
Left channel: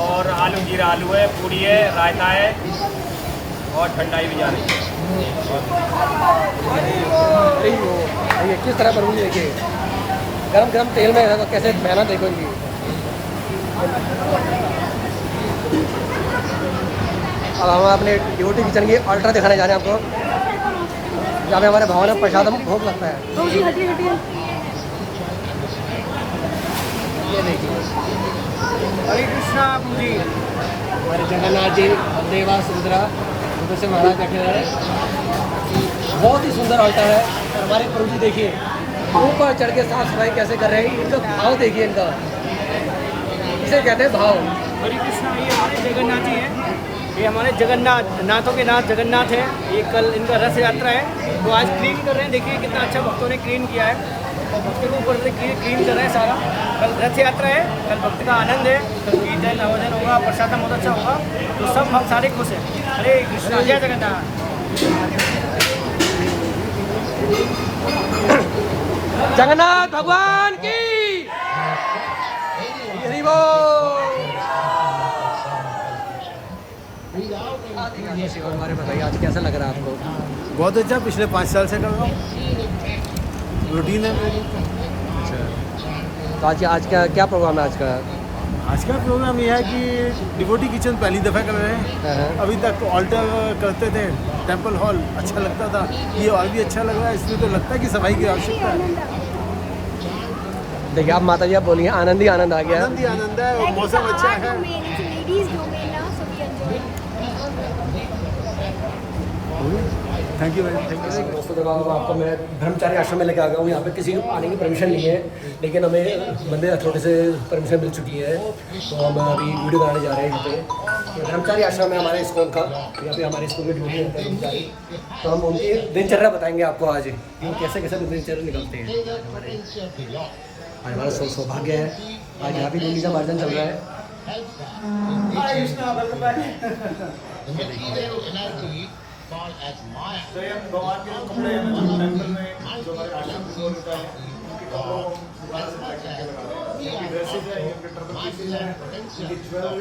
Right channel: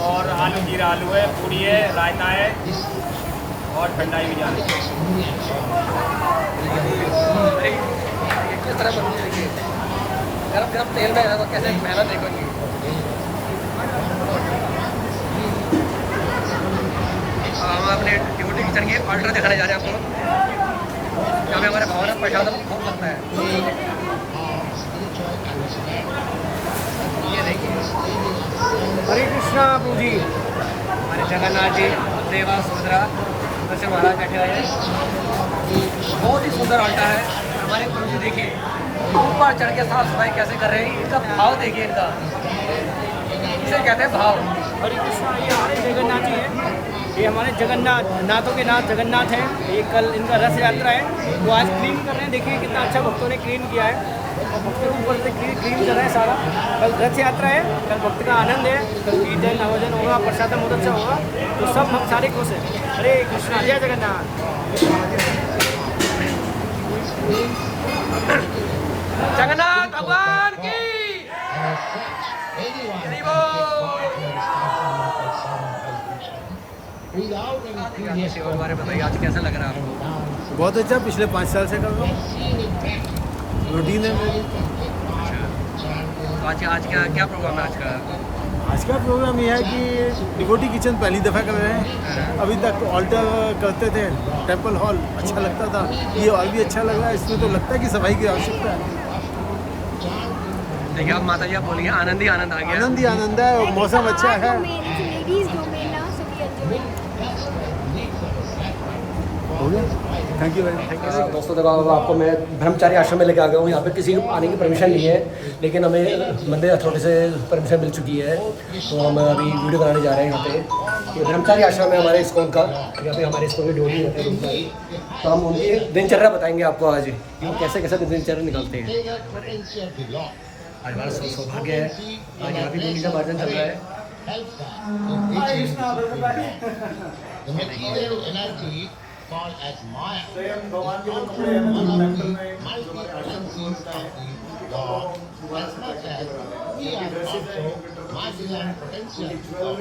और आलू जीरा आलू है, पूरी है, रायता है और ठंडाई भी जा रही है। गरम तेल में कैसे खाना देखो। अब हम अपने ड्यूटी किचन की अल्ट्रा दिखाने जा रहे हैं आपको, जहाँ पे हमारे भवन में प्रसाद भोग लगता है। ये देखिए हरे कृष्णा जी, हमारे जगन्नाथ जी, देवा, सुभद्रा, वैसे महाराज रखे रहे हैं। बहुत ही सुंदर अल्टा है। हमारे प्रभु जी देखिए ऊपर चढ़ के साफ सफाई कैसे कर रहे हैं, इनका भाव देखिए इनका, इसे कहते हैं भाव। हरे कृष्णा, ये हमारे जगन्नाथ जी हैं। ये हमारे जगन्नाथ, नाथों के नाथ जगन्नाथ हैं। ये कल इनका रथ यात्रा है, तो आज क्लीन कर रहे हैं। देखिए कितना अच्छा भक्तों ने क्लीन किया है, और भक्तों के ऊपर से क्लीन कर रहे हैं सारा। कल रथ यात्रा है, कल भक्त का आनंद है, कल कीर्तन आयोजन होगा, प्रसाद बहुत अच्छा होगा, तो सब भक्त सारे खुश हैं। हरे कृष्णा, जय जगन्नाथ। जगन्नाथ भगवान की और बारे बताइए, आज कैसा लग रहा है आपको? बहुत अच्छा, पिछले 5 साल से कर रहा हूँ, रूटीन है मेरी। तो आज का क्या प्रोग्राम है? आज का प्रोग्राम ये है कि डिवोटी किचन पहली दफ़ा कर रहे हैं। अभी तक ऑल्टर करते थे, टेंपल हॉल अच्छा लगता था, ये और भी अच्छा लग रहा है। इसमें तो लगता है कि सफाई की आवश्यकता है। देखिए आप माता जी आप बोलिए, आनंद ही आनंद आ गया। आनंद ही आनंद है, और मौसम अच्छा है। थैंक यू थैंक यू दोस्तों। देखो आपको मैं ब्रह्मचारी आश्रम में लेके आ गया हूँ। यहाँ पे किसी को आने की परमिशन नहीं है, लेकिन हमें मंदिर अथॉरिटी से परमिशन मिल चुकी है, तो हम अभी वीडियो बनाने जा रहे हैं। यहाँ पे ब्रह्मचारी आश्रम है हमारे इस्कॉन का, यहाँ पे हमारे स्कूल की ड्यूटी होती है ब्रह्मचारी। तो हम उनकी दिनचर्या बताएंगे आपको आज, कि वो कैसे कैसे दिनचर्या निकालते हैं। आज हमारा सौभाग्य है, आज यहाँ भी गुंडी का मार्जन चल रहा है। called as Maya. स्वयं भगवान के जो कपड़े हैं टेंपल में जो हमारे आश्रम में होता है, God, as much as we are also marginal potential of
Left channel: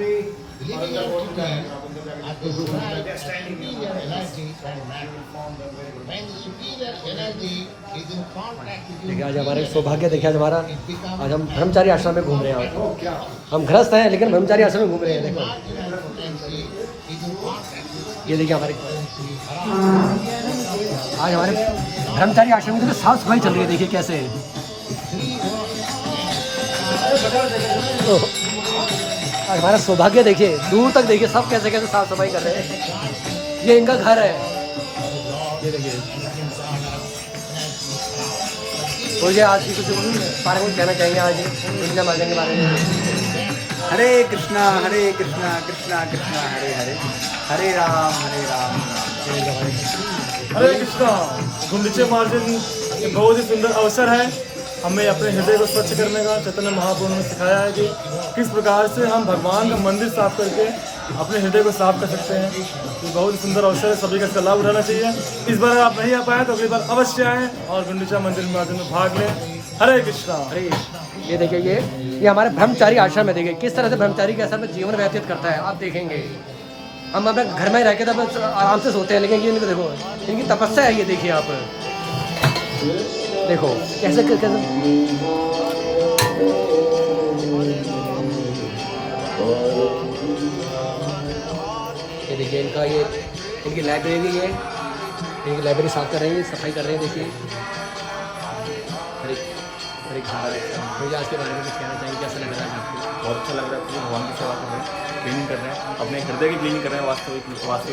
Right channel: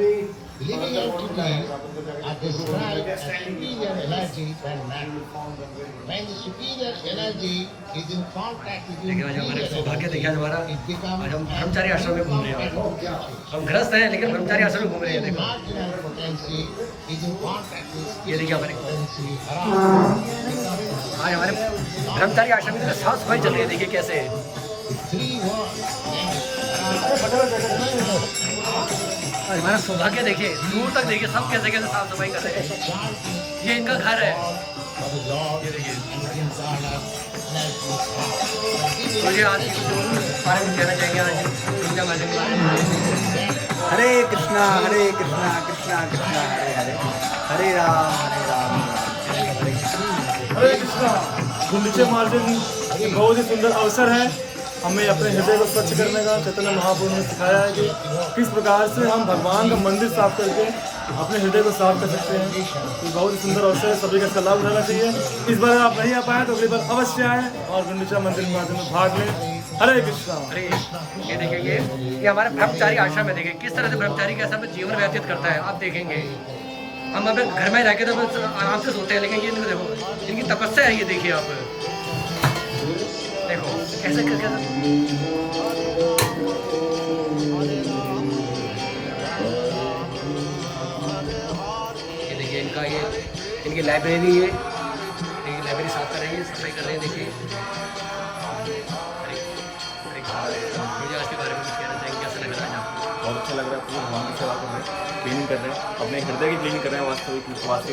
living entity are described as superior energy than matter. When the superior energy is in contact with देखिए आज हमारे सौभाग्य, देखिए आज हमारा, आज हम ब्रह्मचारी आश्रम में घूम रहे हैं। हम गृहस्थ हैं लेकिन ब्रह्मचारी आश्रम में घूम रहे हैं। देखो ये देखिए हमारे आज हमारे ब्रह्मचारी आश्रम में साफ सफाई चल रही है। देखिए कैसे है, आज हमारा सौभाग्य देखिए, दूर तक देखिए सब कैसे कैसे साफ सफाई कर रहे हैं। ये इनका घर है, ये देखिए। मुझे आज की कुछ बारे में कहना चाहेंगे, आज दुनिया माता के बारे में। हरे कृष्णा कृष्णा कृष्णा हरे हरे, हरे राम हरे कृष्णा। गुंडीचा मार्जन बहुत ही सुंदर अवसर है, हमें अपने हृदय को स्वच्छ करने का चैतन्य महाप्रभु ने सिखाया है कि किस प्रकार से हम भगवान का मंदिर साफ करके अपने हृदय को साफ कर सकते हैं। ये बहुत ही सुंदर अवसर है, सभी का इसका लाभ उठाना चाहिए। इस बार आप नहीं आ पाए तो अगली बार अवश्य आएँ और गुंडीचा मंदिर मार्जन में भाग लें। हरे कृष्णा। हरे, ये देखिए ये हमारे ब्रह्मचारी आश्रम है। देखिए किस तरह से ब्रह्मचारी के में जीवन व्यतीत करता है, आप देखेंगे। हम अपने घर में रह के तो आराम से सोते हैं, लेकिन ये देखो इनकी तपस्या है। ये देखिए आप देखो कैसे कैसे ये देखिए इनका, ये इनकी लाइब्रेरी है, इनकी लाइब्रेरी साफ कर रहे हैं, सफाई कर रहे हैं। देखिए मुझे आज के बारे में कुछ कहना चाहिए, कैसा लग रहा है आपको? बहुत अच्छा लग रहा है, पूरे भगवान की सेवा कर रहे हैं, क्लीनिंग कर रहे हैं, अपने हृदय की क्लीनिंग कर रहे हैं वास्तविक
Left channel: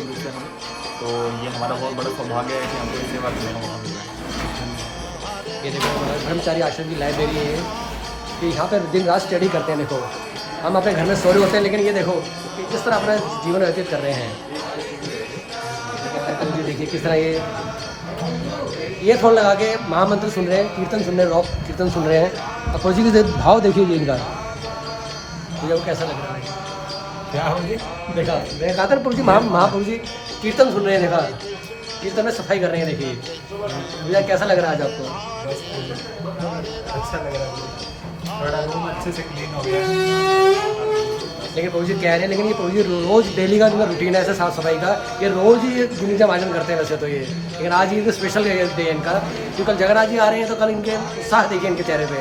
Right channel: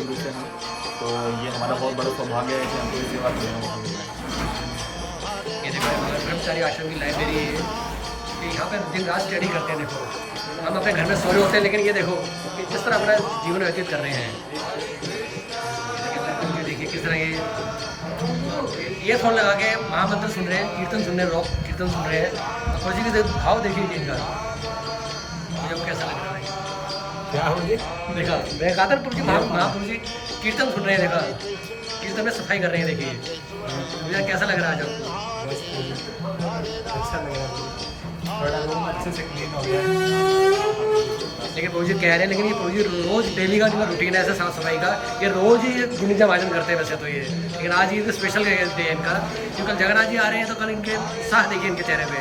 रूप से हम। तो ये हमारा बहुत बड़ा सौभाग्य है कि हमको इस सेवा करने का मौका मिल रहा है। ये देखो हमारे ब्रह्मचारी आश्रम की लाइब्रेरी है, कि यहाँ पे दिन रात स्टडी करते हैं। देखो हम अपने घर में सो रहे होते हैं, लेकिन ये देखो कि किस तरह अपना जीवन व्यतीत कर रहे हैं। ये देखिए किस तरह ये फोन लगा के महामंत्र सुन रहे हैं, कीर्तन सुन रहे हैं, रॉक कीर्तन सुन रहे हैं। तो फौजी के भाव देखिए इनका, मुझे वो कैसा लग रहा है। क्या हो जी देखा, मैं कहा था प्रभु जी महाप्रभु जी कीर्तन सुन रहे हैं। देखा कीर्तन में सफाई कर रहे हैं। देखिए मुझे कैसा लग रहा है आज आपको? अच्छा लग रहा है, थोड़ा रूम अच्छे से क्लीन हो गया। लेकिन प्रभु जी कह रहे हैं, लेकिन ये प्रभु जी रोज़ डेली का जो रूटीन है ऐसे साफ सफाई का, ये रोज़ ही गुंडीचा मार्जन करते हैं वैसे तो ये, लेकिन आज ये तो स्पेशल डे है इनका, क्योंकि कल जगन्नाथ जी आ रहे हैं। तो कल इनके उत्साह देखिए इनके चेहरे पे।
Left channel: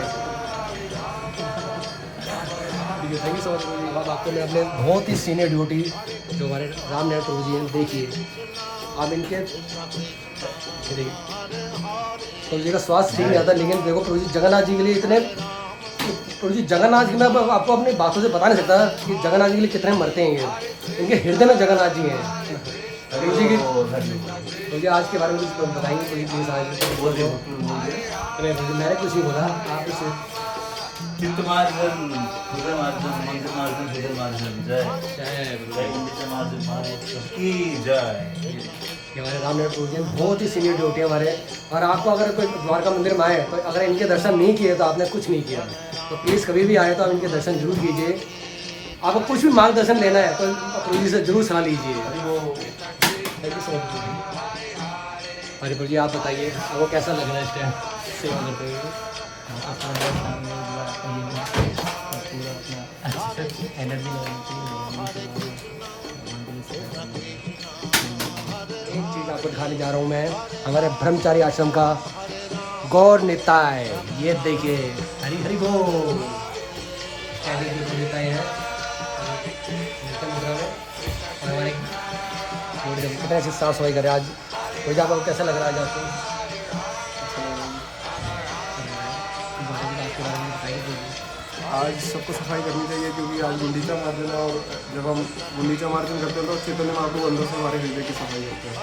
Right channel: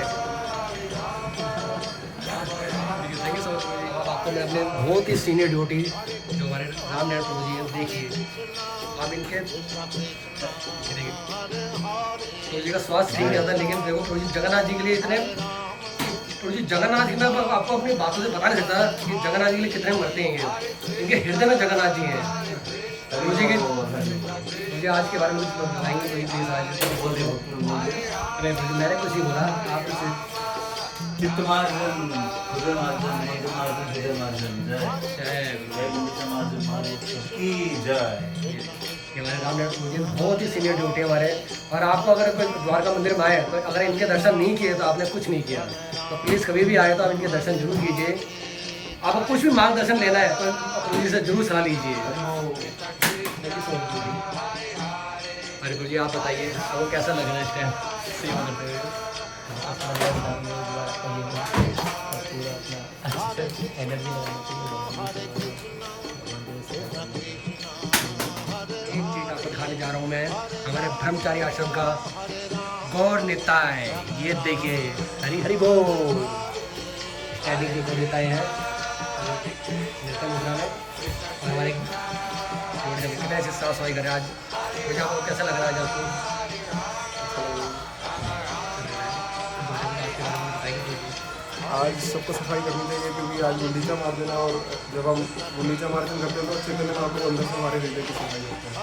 Thank you so much. आपको मैं अपने बहुत ही सीनियर ड्यूटी जो हमारे राम नारायण प्रभु जी हैं, देखिए आप इनके देखिए प्रभु जी का स्वास्थ्य ठीक नहीं आता, लेकिन देखो प्रभु जी जगन्नाथ जी के लिए इतने, प्रभु जी जगन्नाथ जी मैं आपको अपनी बातों से बता नहीं सकता कि जगन्नाथ जी के लिए कितने मरते हैं। इनके हृदय में जगन्नाथ जी हैं। प्रभु जी की मुझे आज के बारे में कुछ बताएंगे? प्लीज़ आज बोल रहे हो। अरे मैंने कुछ ही बोला, आप कुछ चित्तमार्जन हृदय मार्जन मंत्र मार्जन हृदय मार्जन जय जय गुंडीचा मार्जन महाराज की जय। ये हमारे रामनाथ प्रभु जी बहुत ही सीनियर ड्यूटी है हमारे। और आपको अगर कोई द्वारका मंदिर में आए तो अगर इनके दर्शन नहीं किए तो आपने कुछ नहीं किया। तो प्लीज़ कभी भी आए तो आप इनके दर्शन जरूर कीजिए। आपको कुछ भी मार्गदर्शन लेना है तो प्रभु जी से जरूर सलाह लीजिए। हरे प्रभु जी आप बताइए आपको कैसा लग रहा है इस टाइम सेवा करते हुए? एनर्जी एक चीज़ आपको दिखाने जा रहा हूँ मैं, हमारे ब्रह्मचारी आश्रम का गौर निताय। ये देखिए हरी हरी बोल गौर निताय है और हमारे कितने से साफ सफाई करें आज। मुझे आपको कैसा लग रहा है आज आज सबको सफाई करनी चाहिए क्योंकि आज गुंडीचा मार्जन है और जब हम गुंडीचा मार्जन करते हैं तो चैतन्य महाप्रभु अंदर से हमारे हृदय की सफाई होती है।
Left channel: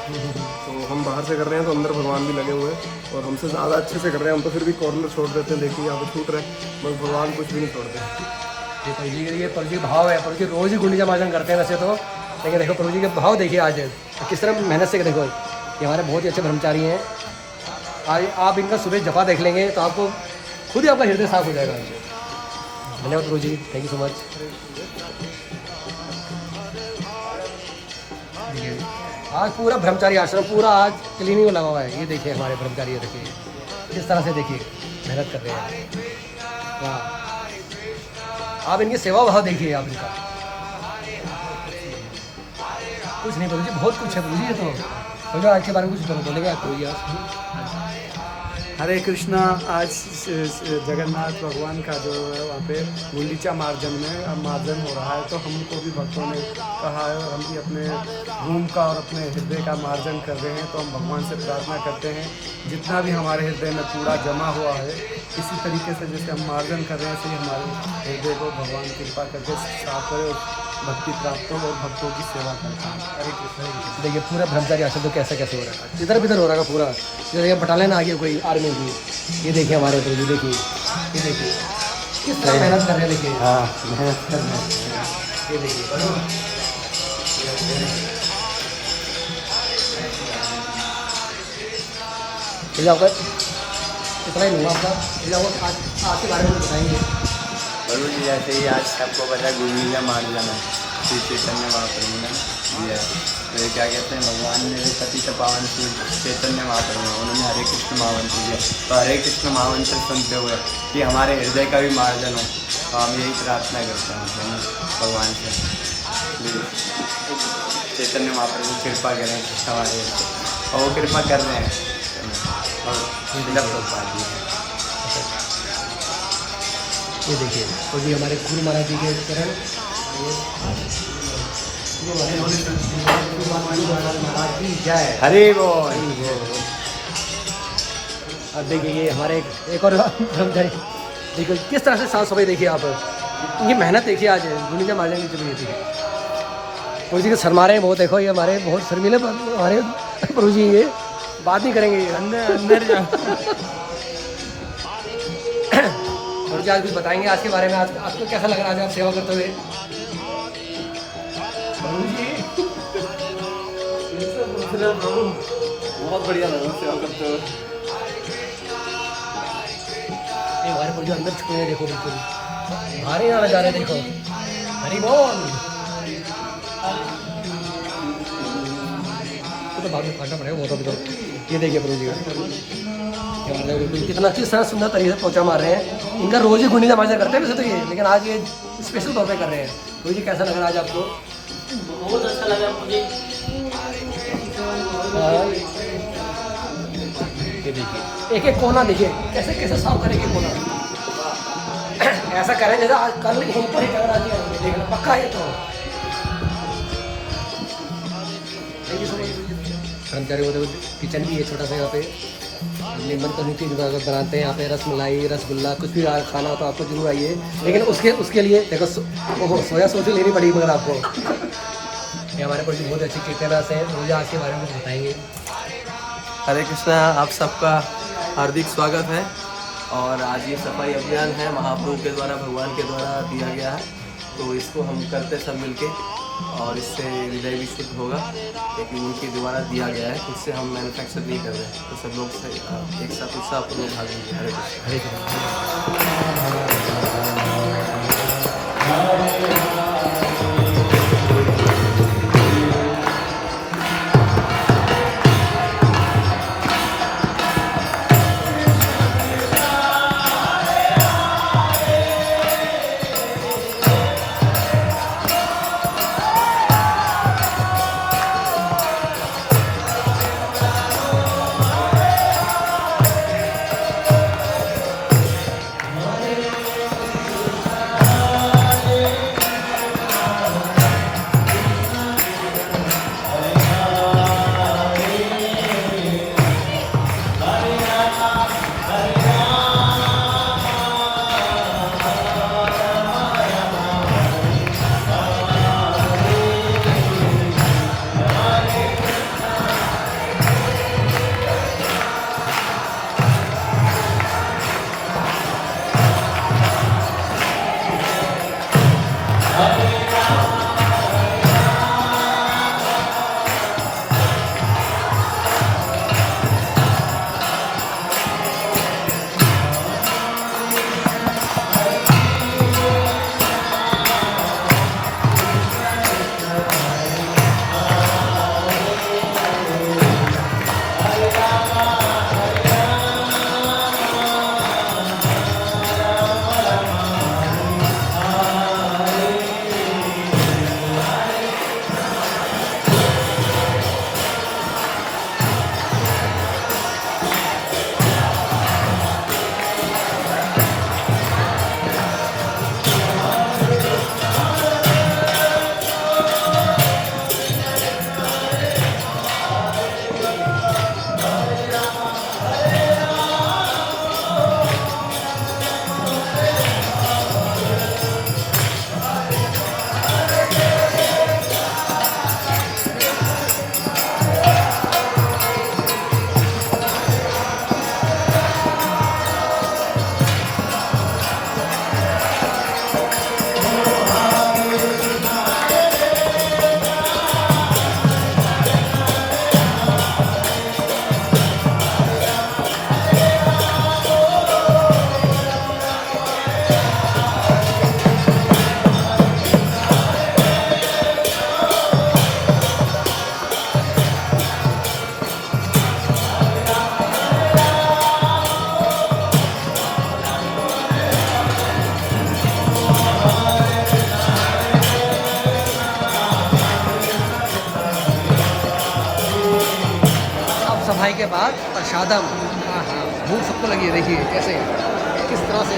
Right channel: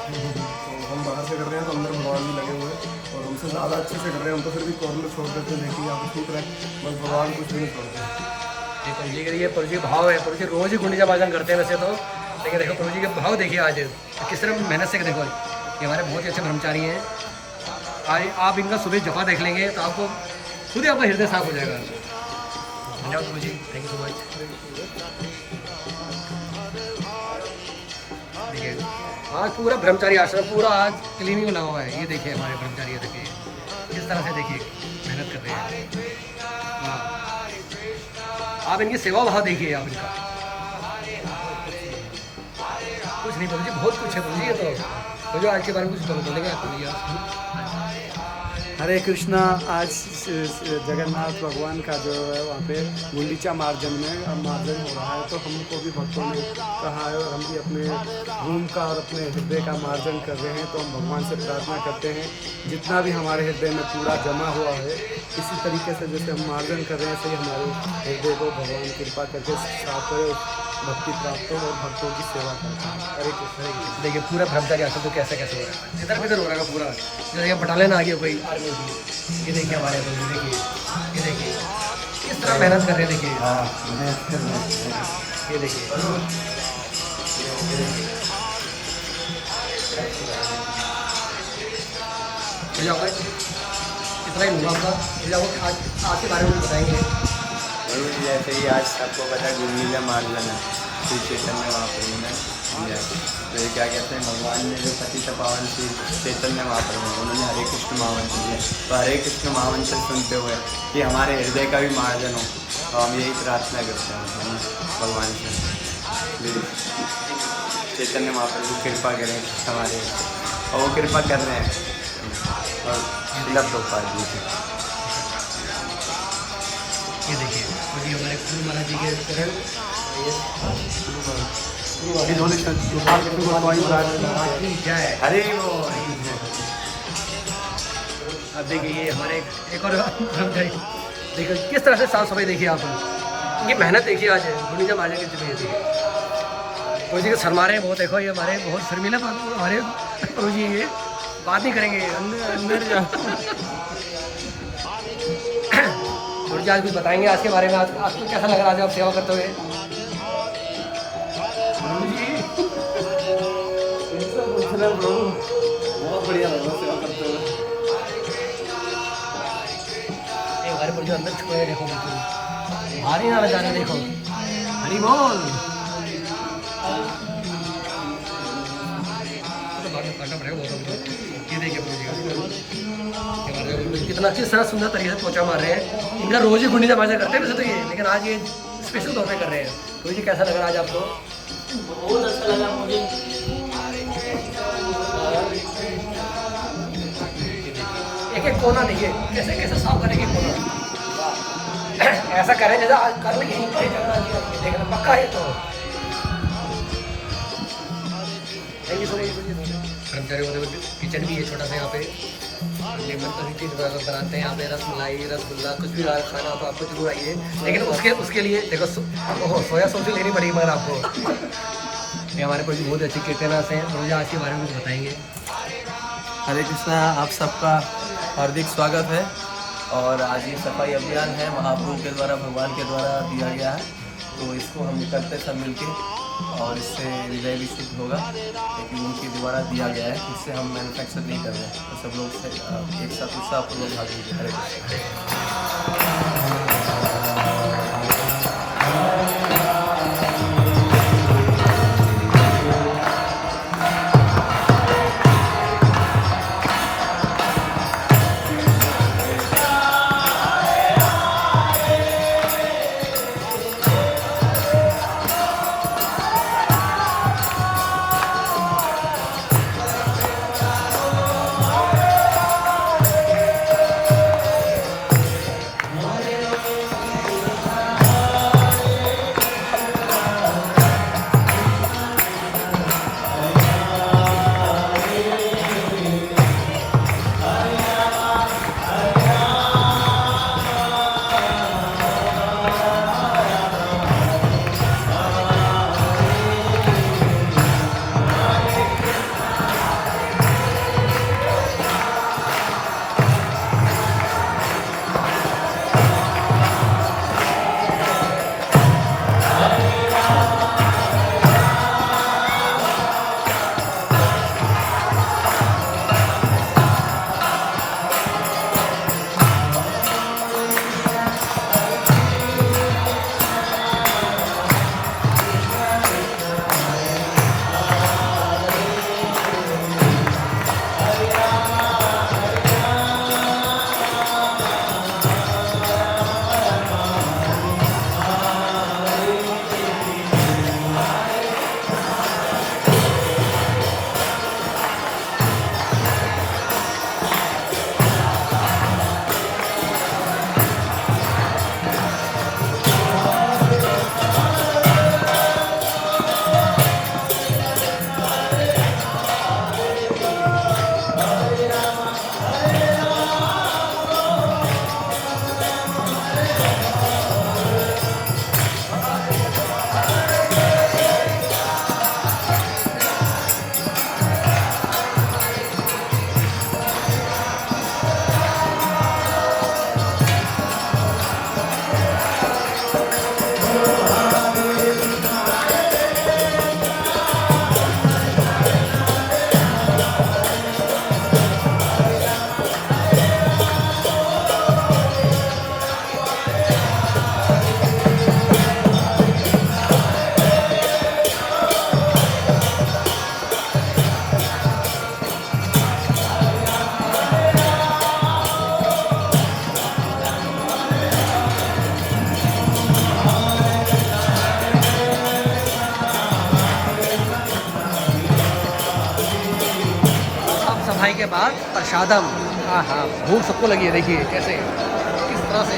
तो हम बाहर से कर रहे हैं तो अंदर भगवान भी लगे हुए हैं और हमसे ज़्यादा अच्छे से कर रहे हैं। हम तो फिर भी कॉर्नर छोड़ देते हैं, देखिए यहाँ पे छूट रहे हैं मगर भगवान कुछ भी नहीं छोड़ते। ये प्रभु जी भाव है। प्रभु जी रोज़ ही गुंडीचा मार्जन करते हैं वैसे तो, लेकिन देखो प्रभु जी के भाव देखिए आज किस तरह मेहनत से। देखो ये हमारे बहुत ही अच्छे ब्रह्मचारी हैं। आज आप इनका सुबह जपा देख लेंगे तो आपको खुद ही आपका हृदय साफ हो जाएगा। धन्यवाद प्रभु जी, थैंक यू सो मच। देखिए आज पूरा ब्रह्मचारी आश्रम पूरा आज क्लीनिंग में लगा हुआ है। ये देखिए हमारे ब्रह्मचारी देखिए किस तरह से देखिए मेहनत कर रहे हैं। वाह आप इनकी सेवा भाव देखिए आप इनका। कुछ नहीं प्रभु जी बहुत कुछ है प्रभु जी। ये तो मुझे आज के बारे में कुछ बोलेगा प्रभु जी आप? हरे कृष्णा। आज जगन्नाथ भगवान का जो है वहाँ पे गुंडीचा मार्जन में मार्जन हो रहा है तो हमको भी भक्तों ने कहा है और हम भी अपने रूम का और अपने हृदय का मार्जन कर रहे हैं। तो हम भगवान से प्रार्थना करते हैं जितना भी हमारे हृदय में कूड़ा जमा हुआ है इसी तरीके से जैसे हम मार्जन कर रहे हैं ऐसे ही हमारे हृदय को भगवान कृपा करके साफ करे, भक्ति प्राप्त हो और भक्तों की सेवा करते हैं। हरे कृष्ण देखिए पूरा ब्रह्मचारी आश्रम तो कैसे कैसे हो रहा है, इधर भी हो रहा है पूरा। ये बटालियन आ गया कोई आर्मी की। ये देखिए हमारे प्रभु देखिए, ये देखिए किस तरह मेहनत कर रहे हैं। देखिए ये देखिए आपका इतना ही लूँगा आपका। आज के बारे में बताएंगे जरूर जी। जैसे ही आज सबको पता गुंडीचा मार्जन है श्री चैतन्य महाप्रभु ने दिया है। तो ये क्या कहते हैं भगवान ने जो पतित पावन श्री चैतन्य महाप्रभु है उन्होंने हरे कृष्ण महामंत्र दिया। तो हरे कृष्ण महामंत्र सुनते हुए कि हमारे हृदय का भी मार्जन हो तो हम यही प्रार्थना करते हैं भगवान से चैतन्य महाप्रभु कृपा करें हमारे और वो कृपा कर रहे हैं और उपलब्ध होता है। ये देखिए तो जी हमारे गुरु महाराज जी के चरण महाराज की जय। हरे बोल। अब देखिए ये हमारे एक और देखिए किस तरह से साफ सफाई देखिए आप। इनकी मेहनत देखिए आज गुंडीचा मार्जन की जगह देखिए। प्रभु जी के शर्मा रहे हैं बहुत। देखो ये हमारे बहुत शर्मीले हमारे प्रभु जी ये बात नहीं करेंगे अंदर और जी आज कुछ बताएंगे आज के बारे में। आज आपको कैसा लग रहा है आज आप सेवा करते हुए? बहुत बढ़िया लग रहा है सेवा करते हुए। हमारे प्रभु अंदर छुपे हैं देखो बिल्कुल भारी ना जा रहे देखो। हरी बोल। तो बाद में काटना पड़ेगा वो तो। ये देखिए प्रभु जी कितना किस तरह सुंदर तरीके से पोछा मार रहे हैं। इनका रोज ही गुंडीचा मार्जन करते हैं वैसे तो ये, लेकिन आज ये स्पेशल तौर पे कर रहे हैं। तो जी कैसा लग रहा है आज आपको? बहुत अच्छा लगा मुझे। एक एक कोना देखिए कैसे कैसे साफ करें। एक कोना ऐसा करें जैसा आज कर देखना पक्का है। तो थैंक यू सो मच। कर्मचारी होते किचन भी है छोटा सा यहाँ पे। लेमन तंदूरी की बनाते हैं यहाँ पे। रसमलाई रसगुल्ला कुछ भी खाना तो आपको जरूर आइए। लेकिन उसके लिए देखो सोया सॉस लेनी पड़ेगी मगर आपको। ये हमारे पास बहुत अच्छी कीर्तनास हैं। मुझे आज के बारे में कुछ बताएंगे। हरे कृष्णा। आप सबका हार्दिक स्वागत है और आज ये सफाई अभियान है महाप्रभु के द्वारा, भगवान के द्वारा दिया गया है, तो इसको हम करते सब मिलके और इससे हृदय भी शुद्ध होगा, लेकिन उनके द्वारा दिया गया है, इससे हम मैन्युफैक्चर नहीं कर रहे हैं। तो सब लोग से एक साथ उत्साहपूर्वक भाग लीजिए। हरे सफाई के बाद प्रसादम, हाँ हाँ, भूख सबको लगी है, देखिए कैसे किस तरह से।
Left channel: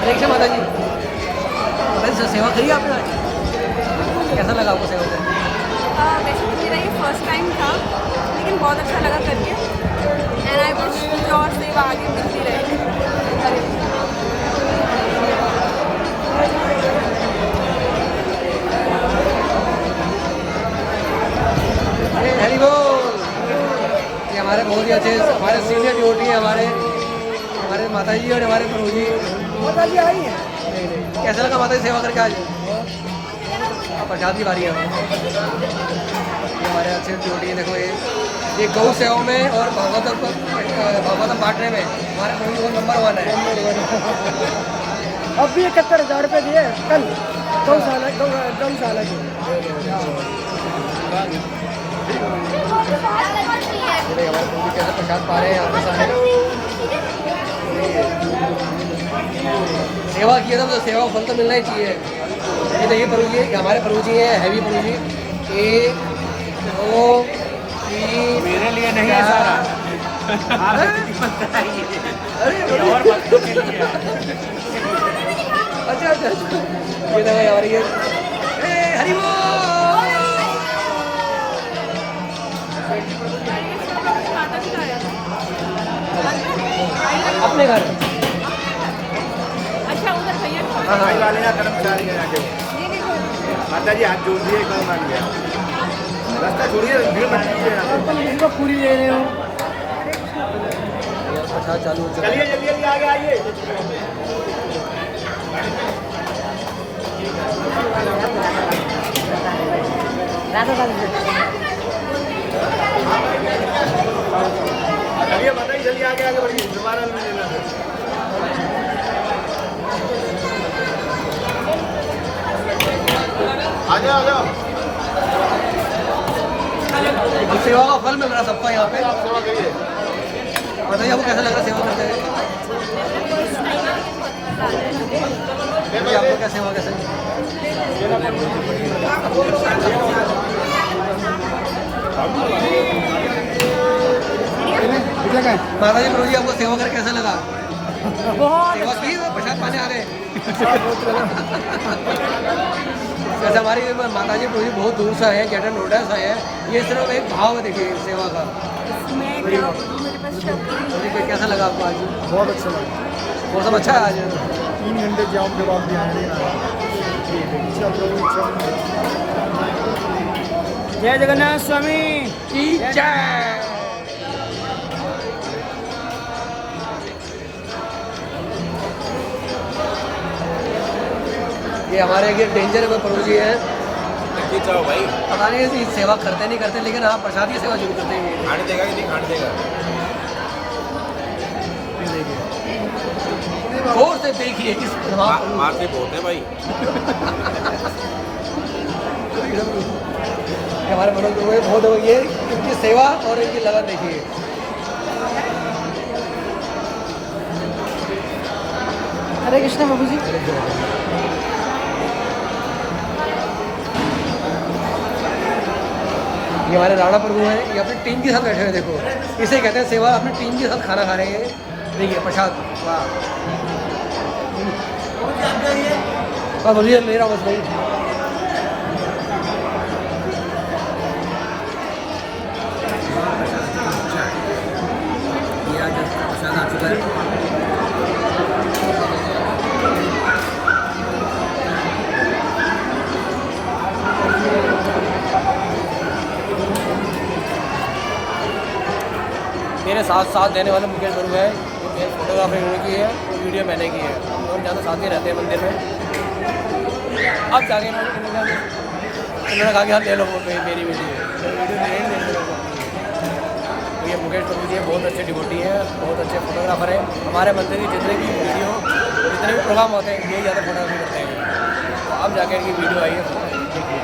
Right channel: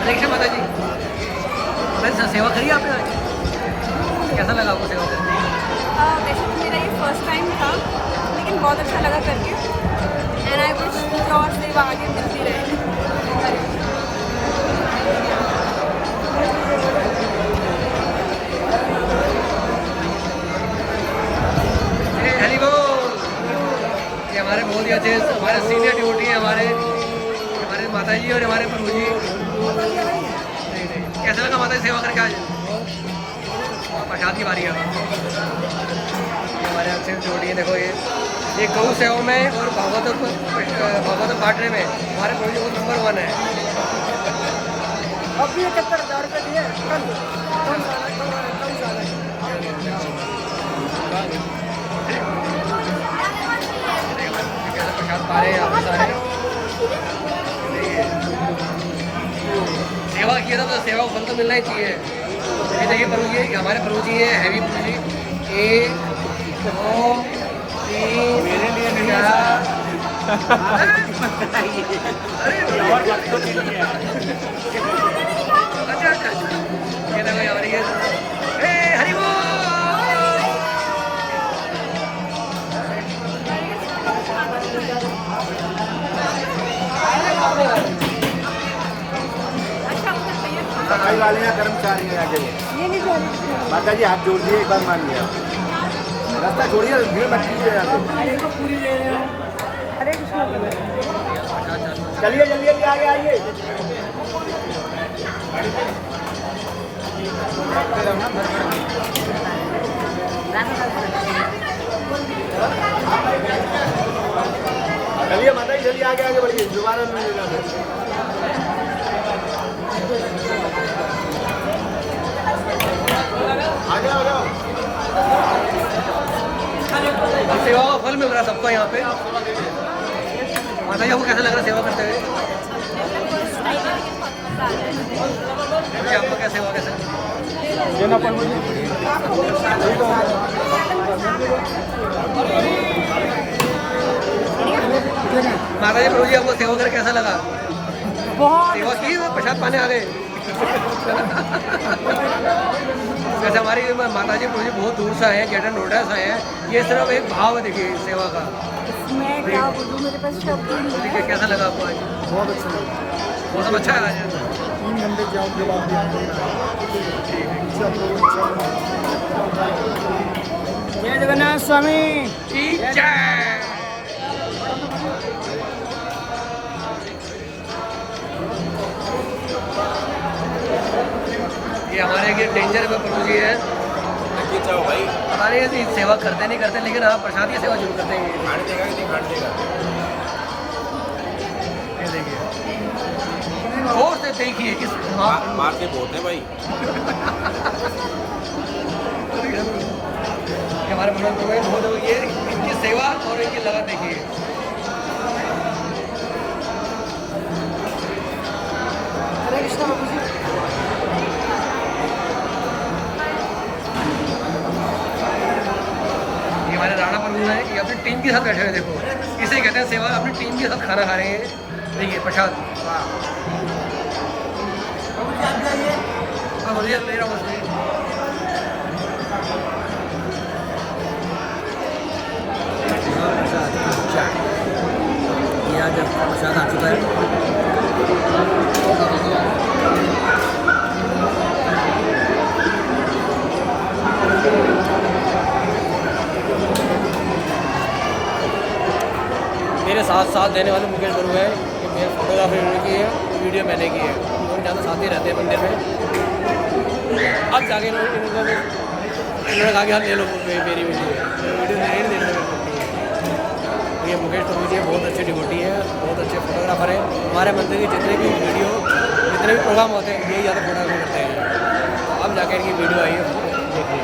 हरे कृष्ण माता जी। माता जी सेवा करी आपने आज, कैसा लगा आपको सेवा करके? वैसे तो मेरा ये फर्स्ट टाइम था, लेकिन बहुत अच्छा लगा करके, एंड आई विश मुझे और सेवा आगे मिलती रहे। हरी बोल। ये हमारे बहुत ही अच्छे, हमारे सीनियर ड्यूटी है, हमारे माता जी और हमारे प्रभु जी। नहीं नहीं, कैसा लगा माता जी सेवा करके आज? प्रसाद की बारी है। ये हमारे अच्छे ड्यूटी है, देखो ये गौ सेवा में और भागवतम बांटने में हमारे प्रभु जी बहुत नंबर 1 है। अब भी 71,000 रुपये दिए कल, हमारे प्रभु जी कैसे प्रसाद पा रहे हैं यहाँ पर सारे। सेवा किया था तो सेवा को फल तो मिलना ही चाहिए। ये देखिए प्रभु जी, हमारे प्रभु जी हैं, हैवी प्रभु जी। 1 2 3 मेरे लिए नहीं, 4 और भक्तों के लिए। अच्छा अच्छा, ये देखो यार, ये हरि बोल। सफाई वाले ना कर्मचारी है, माता जी हाथ जोड़ दिए, कल मान लिया। रास्ता छोड़िए, भीड़ मत कीजिए यहाँ पे। इनको पूरी ले रही हूँ। अच्छा चालू है। चलिए जल्दी जल्दी आगे आइए। चलिए माता जी जल्दी आगे आगे बढ़िए, दोबारा में लेना है। आ जाओ आ जाओ। सेवा का फल मिल रहा है सबको यहाँ पे। माता जी आपको कैसा लग रहा है सेवा करते हुए? जी आपको क्या सेवा कैसे? माता जी प्रभु जी आपको सेवा कर कैसा लगा? बहुत सेवा की प्रसाद पाने आ गए। जैसे हमारी माता जी प्रभु जी बहुत दूर से आए हैं, ग्रेटर नोएडा से आए हैं। ये सिर्फ एक भाव है देखिए सेवा का। मैं क्या बोलूँ, मेरे पास शब्द ही नहीं है। कैसा लगा आपको आज? बहुत अच्छा लगा। मौसम अच्छा है आज? 3 घंटे जाओ के बाद भी आने नहीं आए। इच्छा प्रभु इच्छा। जय जगन्नाथ स्वामी की जय। ये हमारे ये डेंजर में प्रभु जी है। चाहो भाई, पता नहीं ये सेवा करते नहीं करते, लेकिन हाँ प्रसाद की सेवा जरूर करते हैं। खाने देगा कि नहीं खाने देगा? ये देखिए और से देखिए किस मारते बहुत है भाई। हमारे मनोज प्रभु बहुत ये इनकी सेवा और इनकी लगन देखिए। हरे कृष्ण प्रभु जी। ये हमारे राणा प्रभु हैं, ये अपनी टीम के साथ बैठे हुए देखो। इसे कहते हैं सेवा, अपनी टीम के साथ खाना खा रहे हैं। देखिए प्रसाद। वाह। हाँ बोलिए, मेरा बस भाई। प्रसाद ये आज प्रसाद आ चुका है। मेरे साथ साथ देने वाले मुकेश गुरु है, ये मेरे फोटोग्राफी की है और वीडियो मैंने की है। हम दोनों ज़्यादा साथ ही रहते हैं मंदिर में। अब जाके इन्होंने कहा कि हम ले लो मेरी वीडियो नहीं देने को अपनी। ये मुकेश गुरु जी बहुत अच्छे डिवोटी हैं, बहुत अच्छे फोटोग्राफर हैं। हमारे मंदिर की जितने भी वीडियो, जितने भी प्रोग्राम होते हैं, यही ज़्यादा फोटोग्राफी करते हैं। तो अब जाकर इनकी वीडियो आई है, देखिए।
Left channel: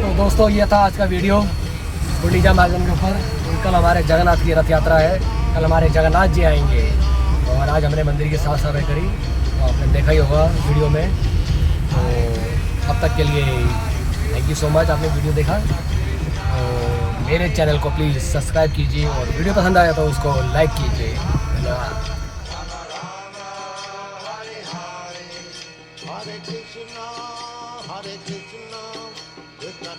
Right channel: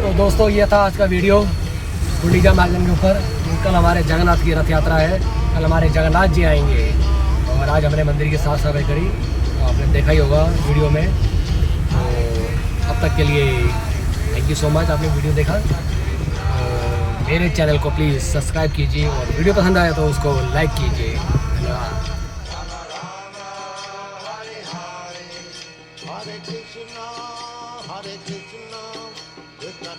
तो दोस्तों ये था आज का वीडियो गुंडीचा मार्ग के ऊपर। कल हमारे जगन्नाथ की रथ यात्रा है, कल हमारे जगन्नाथ जी आएंगे और आज हमने मंदिर की साफ सफाई करी, तो आपने देखा ही होगा वीडियो में। तो अब तक के लिए थैंक यू सो मच, आपने वीडियो देखा। तो मेरे चैनल को प्लीज़ सब्सक्राइब कीजिए और वीडियो पसंद आया तो उसको लाइक कीजिए। धन्यवाद। Hare Krishna, Krishna